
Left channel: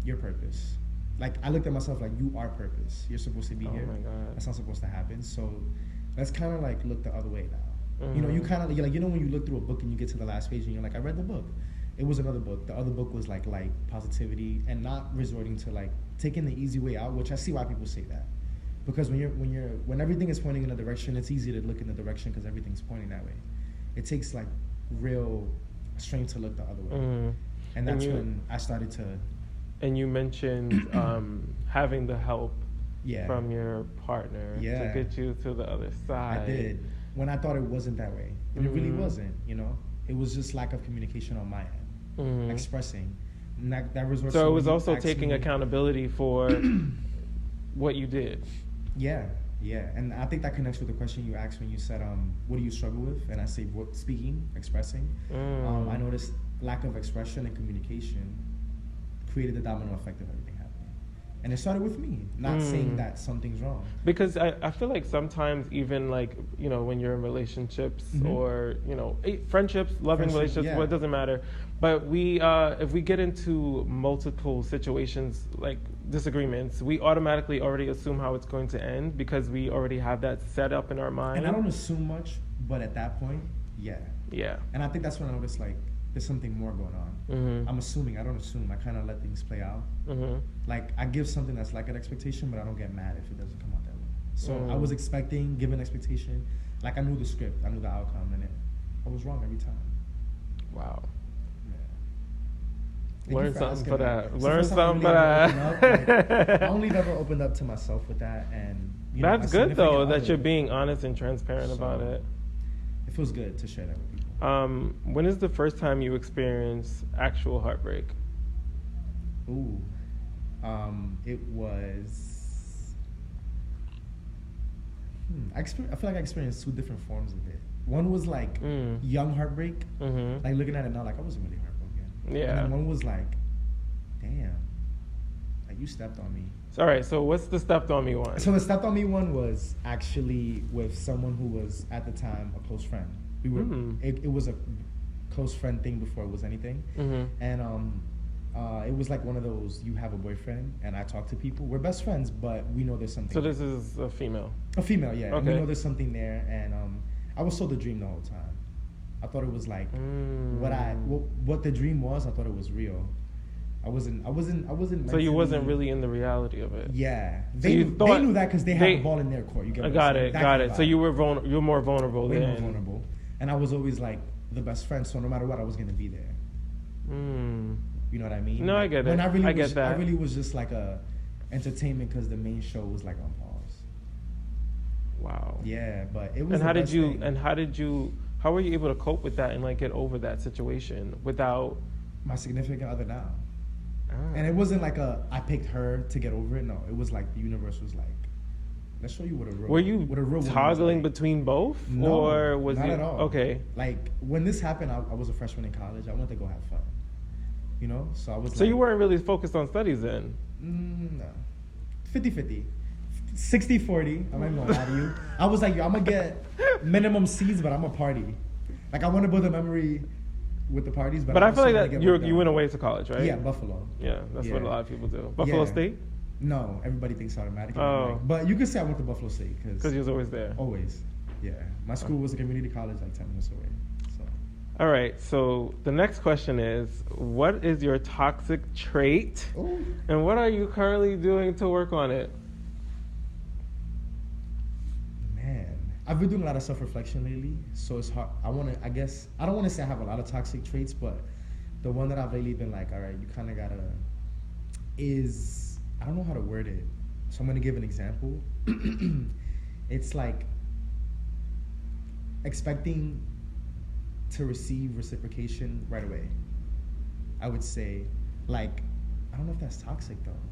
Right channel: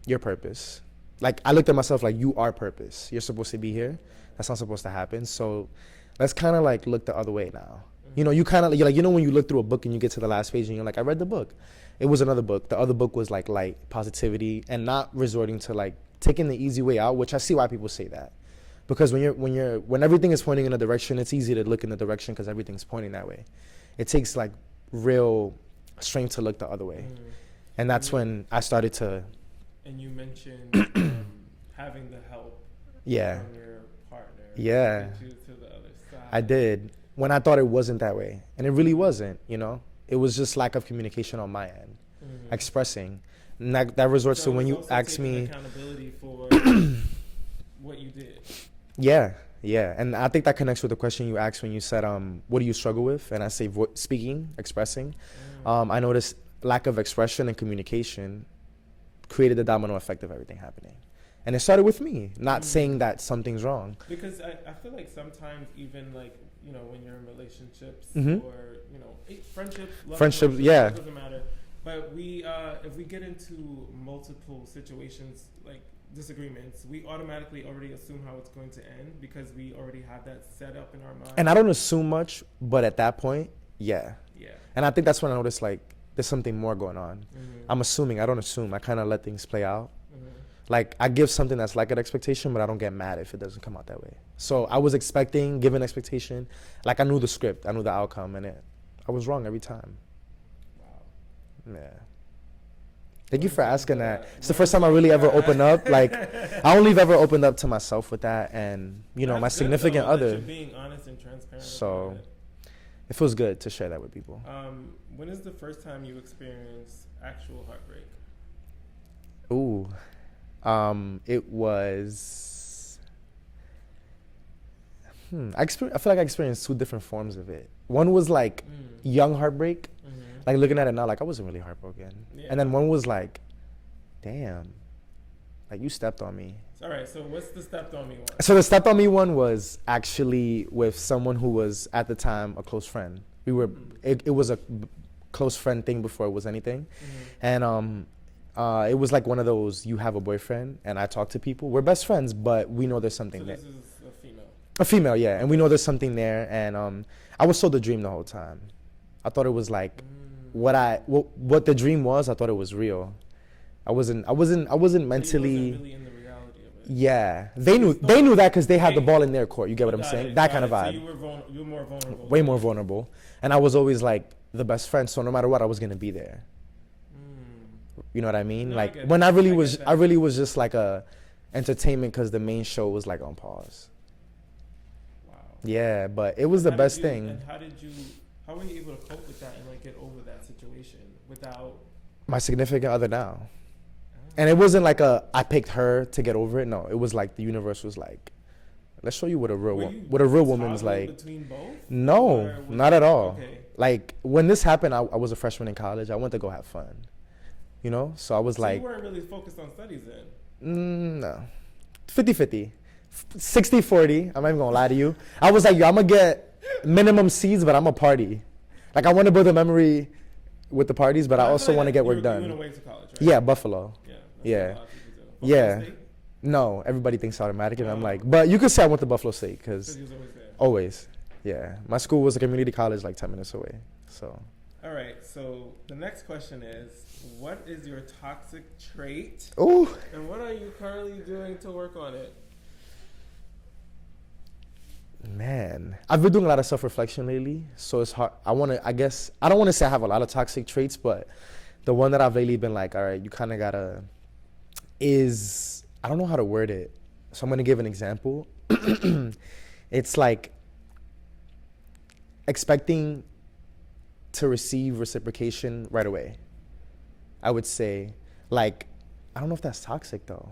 your purpose. Like I looked at myself like, you are purpose. You're supposed to be here. That's not supposed to happen. So let's kind of like look the other way now. You kind of you're like, when you look through a book and you get to the last page and you're like, I read the book. It was another book. The other book was like light, positivity, and not resorting to like taking the easy way out, which I see why people say that. Because when everything is pointing in a direction, it's easy to look in the direction because everything's pointing that way. It takes like real strength to look the other way. And that's when I started to. And you mentioned having the help from your partner to get you to the other side. I did. When I thought it wasn't that way. And it really wasn't, It was just lack of communication on my end, expressing. And that resorts to when you ask me. So it was also taking accountability for what you did. Yeah. And I think that connects with the question you asked when you said, what do you struggle with? And I say speaking, expressing. I noticed lack of expression and communication created the domino effect of everything happening. And it started with me, not saying that something's wrong. Because I feel like sometimes even like, when you're in relationships or, friendships, loving relationships, it doesn't matter. But if we get into multiple situations, like disagreements, we automatically already assume how it's going to end because we already have that set up in our mind. And I don't assume much, but at that point, yeah. And I think that's when I noticed like, there's something more going on. I'm assuming. I don't assume. I kind of let things play out. Like I give something that's like an expectation, but I don't get mad if it doesn't come out that way. So I was expecting, given expectation, like I knew the script, I knew the outcome, and I was wrong every time. Wow. Yeah. Thank you for asking that. It's the first time I really ever opened up. Like I only have ever opened up to myself with that, and that's my good, significant though, other. that you're being honest and transparent about it. It feels good to share that with people. When is the first time you experienced actual heartbreak? Ooh. It was. I feel like I experienced 2 different forms of it. One was like young heartbreak, like looking at it now, like I wasn't really heartbroken. Yeah. And then one was like, damn, like you stepped on me. All right. So what's the stepped on me one? So the stepped on me one was actually with someone who was at the time a close friend. We were. It was a close friend thing before it was anything, and it was like one of those, you have a boyfriend, and I talk to people. We're best friends, but we know there's something there. So this there. is a female? A female, yeah. Okay. And we know there's something there, and I was sold the dream the whole time. I thought it was like, what the dream was, I thought it was real. I wasn't mentally. So you wasn't really in the reality of it? Yeah. They knew that because they had the ball in their court. You get what I'm saying? That kind of vibe. So you were more vulnerable. Way more vulnerable. And I was always like the best friend, so no matter what, I was going to be there. You know what I mean? No, like I get it. When I really was just like a entertainment because the main show was like on pause. Wow. Yeah, but it was the best thing. And how were you able to cope with that and like get over that situation without My significant other now. Ah. And it wasn't like I picked her to get over it. No, it was like the universe was like, let's show you what a real woman was like. Between both? No, Or was not it- at all. Okay. Like when this happened, I was a freshman in college. I went to go have fun, you know. So I was So like, you weren't really focused on studies then? no, 50-50, 60-40. I'm not even gonna lie to you. I was like, yo, I'm gonna get minimum C's, but I'm a party. Like I want to build a memory with the parties, but I feel also like want to get you work done. You went away to college, right? Yeah, Buffalo. Yeah, that's Yeah. what a lot of people do. Buffalo Yeah. State? No, everybody thinks automatic, and I'm Oh. like, but you could say I went to Buffalo State Because because he was always there. always, yeah. My school was a community college, like 10 minutes away. So All right, so the next question is, what is your toxic trait? ooh, And what are you currently doing to work on it? man, I've been doing a lot of self-reflection lately, so it's hard. I guess I don't want to say I have a lot of toxic traits, but the one that I've lately been like, all right, you kind of gotta I don't know how to word it, so I'm gonna give an example. It's like expecting to receive reciprocation right away. I would say, like, I don't know if that's toxic though.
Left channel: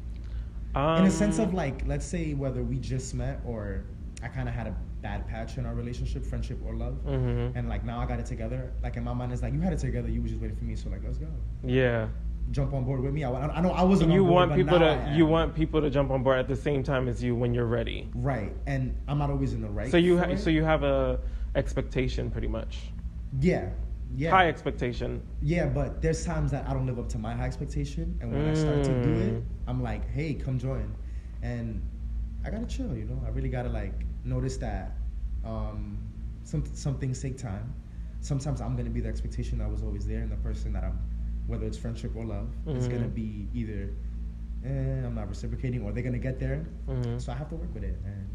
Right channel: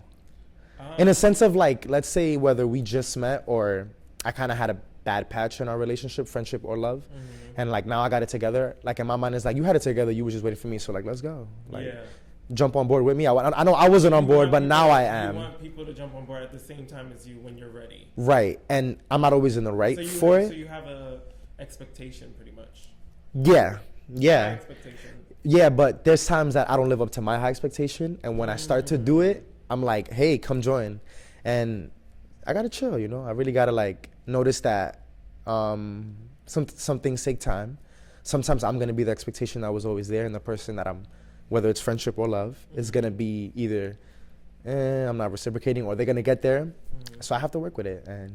In a sense of like, let's say whether we just met or I kind of had a bad patch in our relationship, friendship or love, and like now I got it together. Like in my mind, it's like you had it together, you were just waiting for me, so like let's go. Yeah. Jump on board with me. I know I wasn't on board, but now I am. You want people to jump on board at the same time as you when you're ready. Right, and I'm not always in the right So you for have, it. so you have a expectation pretty much. Yeah, yeah. High expectation. Yeah, but there's times that I don't live up to my high expectation, and when I start to do it, I'm like, hey, come join. And I gotta chill, you know? I really gotta like notice that some things take time. Sometimes I'm gonna be the expectation that was always there, and the person that I'm, whether it's friendship or love, is gonna be either, I'm not reciprocating, or they're gonna get there. So I have to work with it, and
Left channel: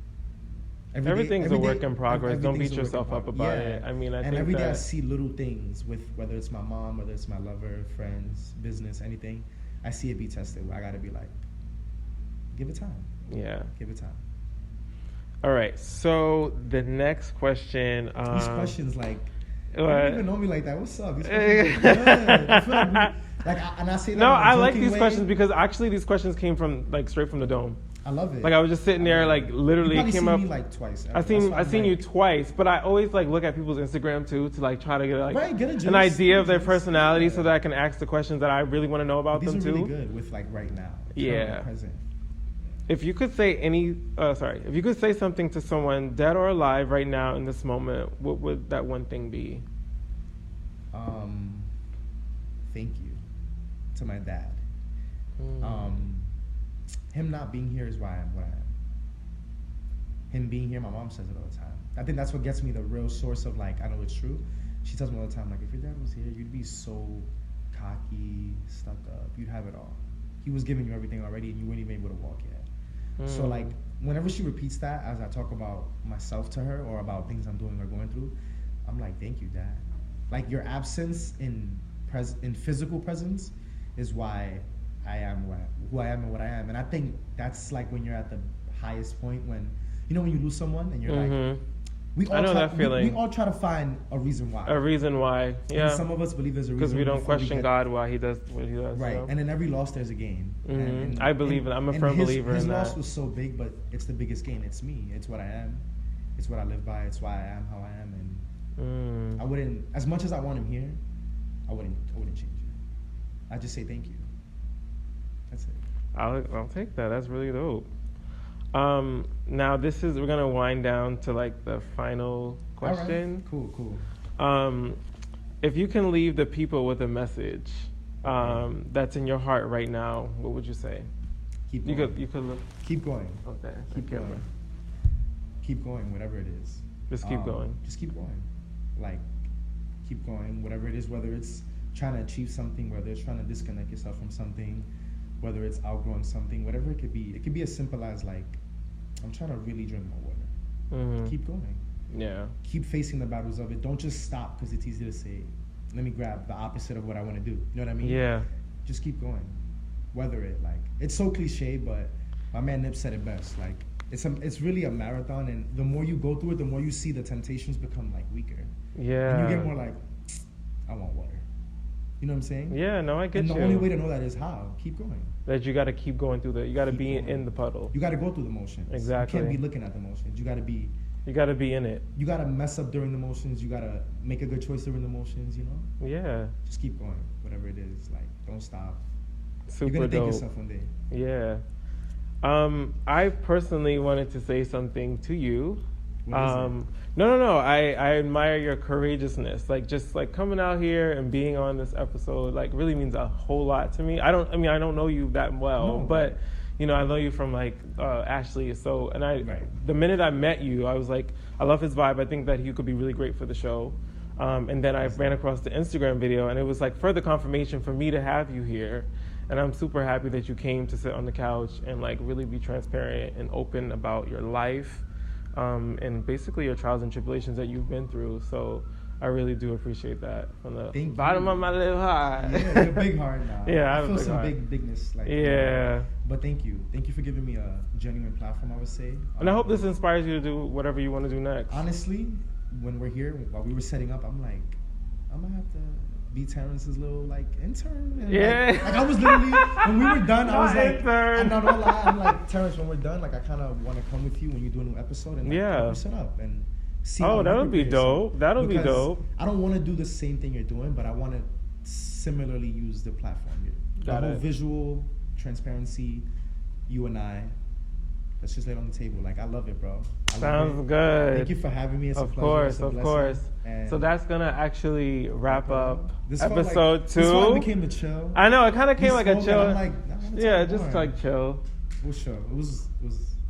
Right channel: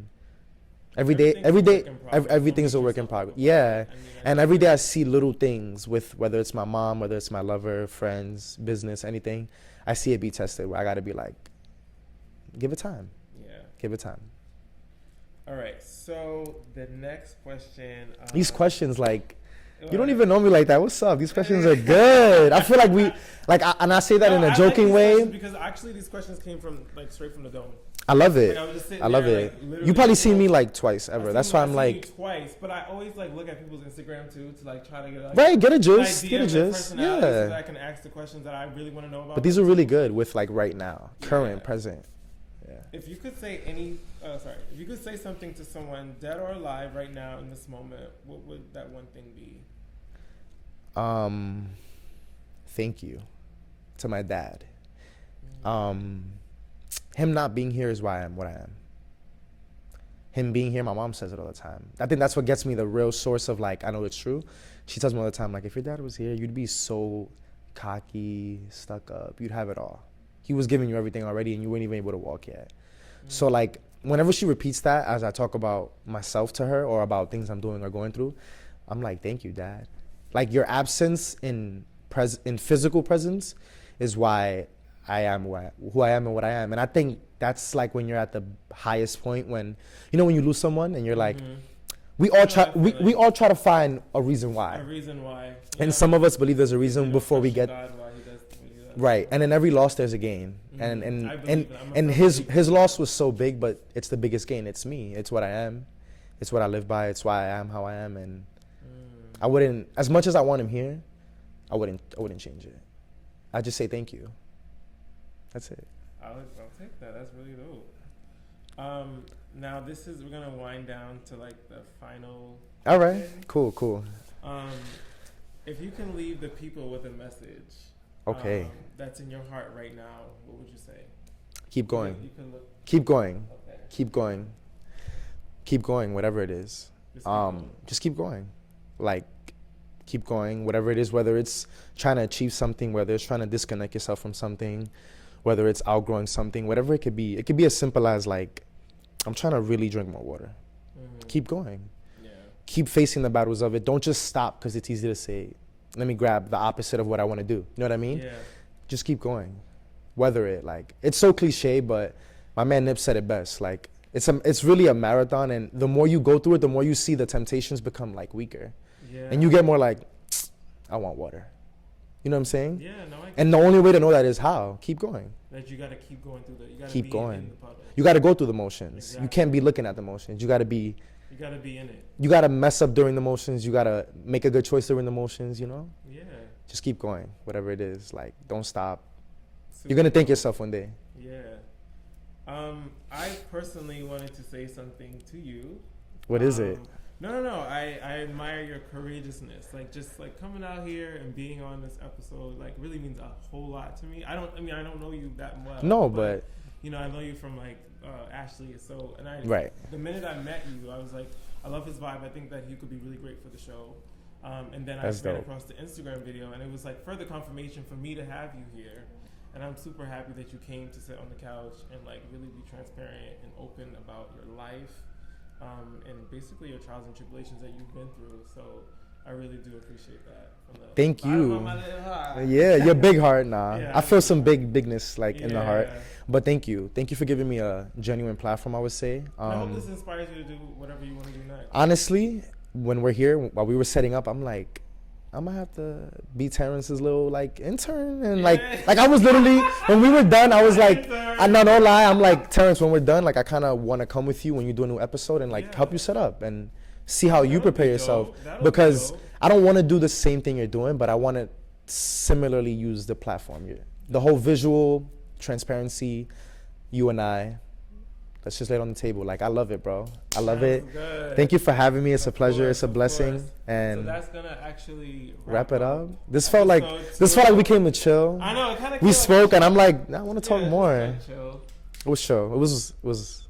every day, everything's a work in progress. Yeah, I mean, and every day I see little things with whether it's my mom, whether it's my lover, friends, business, anything. I see it be tested. I gotta be like, give it time. Yeah. Give it time. All right. So the next question. These questions, like, you what? don't even know me like that. What's up? These questions are good. I feel like and I say that in a I like joking these way. questions because actually these questions came from like straight from the dome. I love it. Like I was just sitting I there, love like it. literally. You probably came seen up- me like twice ever. That's why I've I'm seen you like, twice, but I always like look at people's Instagram too to like try to get like right, get a an gist, idea get of a their gist. personality Yeah. so that I can ask the questions that I really want to know about. But these them, are really too. good with like right now, Yeah. current, present. If you could say if you could say something to someone dead or alive right now in this moment, what would that one thing be? Thank you to my dad. Him not being here is why I am what I am. Him being here, my mom says it all the time. I think that's what gets me the real source of like, I know it's true. She tells me all the time, like, if your dad was here, you'd be so cocky, stuck up, you'd have it all. He was giving you everything already and you weren't even able to walk yet. So like, whenever she repeats that, as I talk about myself to her or about things I'm doing or going through, I'm like, thank you, Dad. Like your absence in physical presence is why I am who I am and what I am. And I think that's like when you're at the highest point when, you know, when you lose someone and you're like, we all try to find a reason why. A reason why. Yeah. And some of us believe there's a reason before we get God why he does what he does. right. And in every loss there's a gain. And I believe it. I'm a and firm his believer in loss that. was so big, but it's the biggest gain. It's me. It's what I am. It's what I live by. It's why I am how I am. And I wouldn't, as much as I want him here, I wouldn't change it. I'd just say thank you. That's it. I'll take that. That's really dope. Now we're gonna wind down to like the final question. All right. Cool. If you can leave the people with a message Okay. that's in your heart right now, what would you say? Keep going. You could look. Keep going. Okay. Keep going. Keep going, whatever it is. Just keep going. Just keep going. Like, keep going, whatever it is, whether it's trying to achieve something, whether it's trying to disconnect yourself from something, whether it's outgrowing something, whatever it could be. It could be as simple as like, I'm trying to really drink more water. Keep going. Yeah. Keep facing the battles of it. Don't just stop because it's easy to say, let me grab the opposite of what I want to do. You know what I mean? Yeah. Just keep going. Weather it. Like, it's so cliche, but my man Nip said it best. Like, it's really a marathon, and the more you go through it, the more you see the temptations become like weaker. Yeah. And you get more like, I want water. You know what I'm saying? Yeah, no, I get And you. the only way to know that is how? Keep going. That you got to keep going through you got to Keep be going. in the puddle. You got to go through the motions. Exactly. You can't be looking at the motions. You got to be in it. You got to mess up during the motions. You got to make a good choice during the motions, you know? Yeah. Just keep going, whatever it is. Like, don't stop. Super You're going to thank dope. yourself one day. Yeah. I personally wanted to say something to you. What is it? No. I admire your courageousness. Like, just like coming out here and being on this episode, like, really means a whole lot to me. I don't know you that well. No, but you know, I know you from like Ashley. So, and the minute I met you, I was like, I love his vibe. I think that he could be really great for the show. And then I ran across the Instagram video, and it was like further confirmation for me to have you here. And I'm super happy that you came to sit on the couch and like really be transparent and open about your life, and basically your trials and tribulations that you've been through. So I really do appreciate that from the bottom of my little heart. Yeah, your big heart now. Yeah, I feel some heart. bigness like in the heart. But thank you for giving me a genuine platform, I would say. And I hope this inspires you to do whatever you want to do next. Honestly, when we're here, while we were setting up, I'm like, I'm gonna have to be Terrence's little like intern, and like I was literally when we were done, I was like, I'm not gonna lie, I'm like, Terrence, when we're done, like I kind of want to come with you when you do a new episode and like help you set up and see how you prepare yourself. Because I don't want to do the same thing you're doing, but I want to similarly use the platform here, the whole visual transparency, you and I. Let's just lay it on the table. Like, I love it, bro. I love it. Good. Thank you for having me. It's a pleasure. It's a blessing. And so that's gonna actually wrap it up. This felt like we came to chill. I know, it kind of came we like spoke, a chill. and I'm like, I want to talk more. Like chill. It was chill. It was.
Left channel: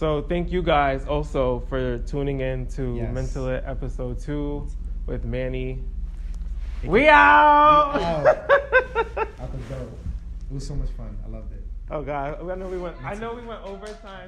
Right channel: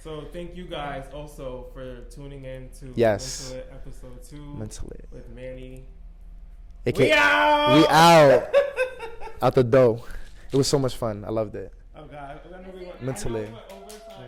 So thank you guys also for tuning in to Mental It episode 2 with Manny. We out. We out. Out the door. It was so much fun. I loved it. Oh God, I know we went overtime.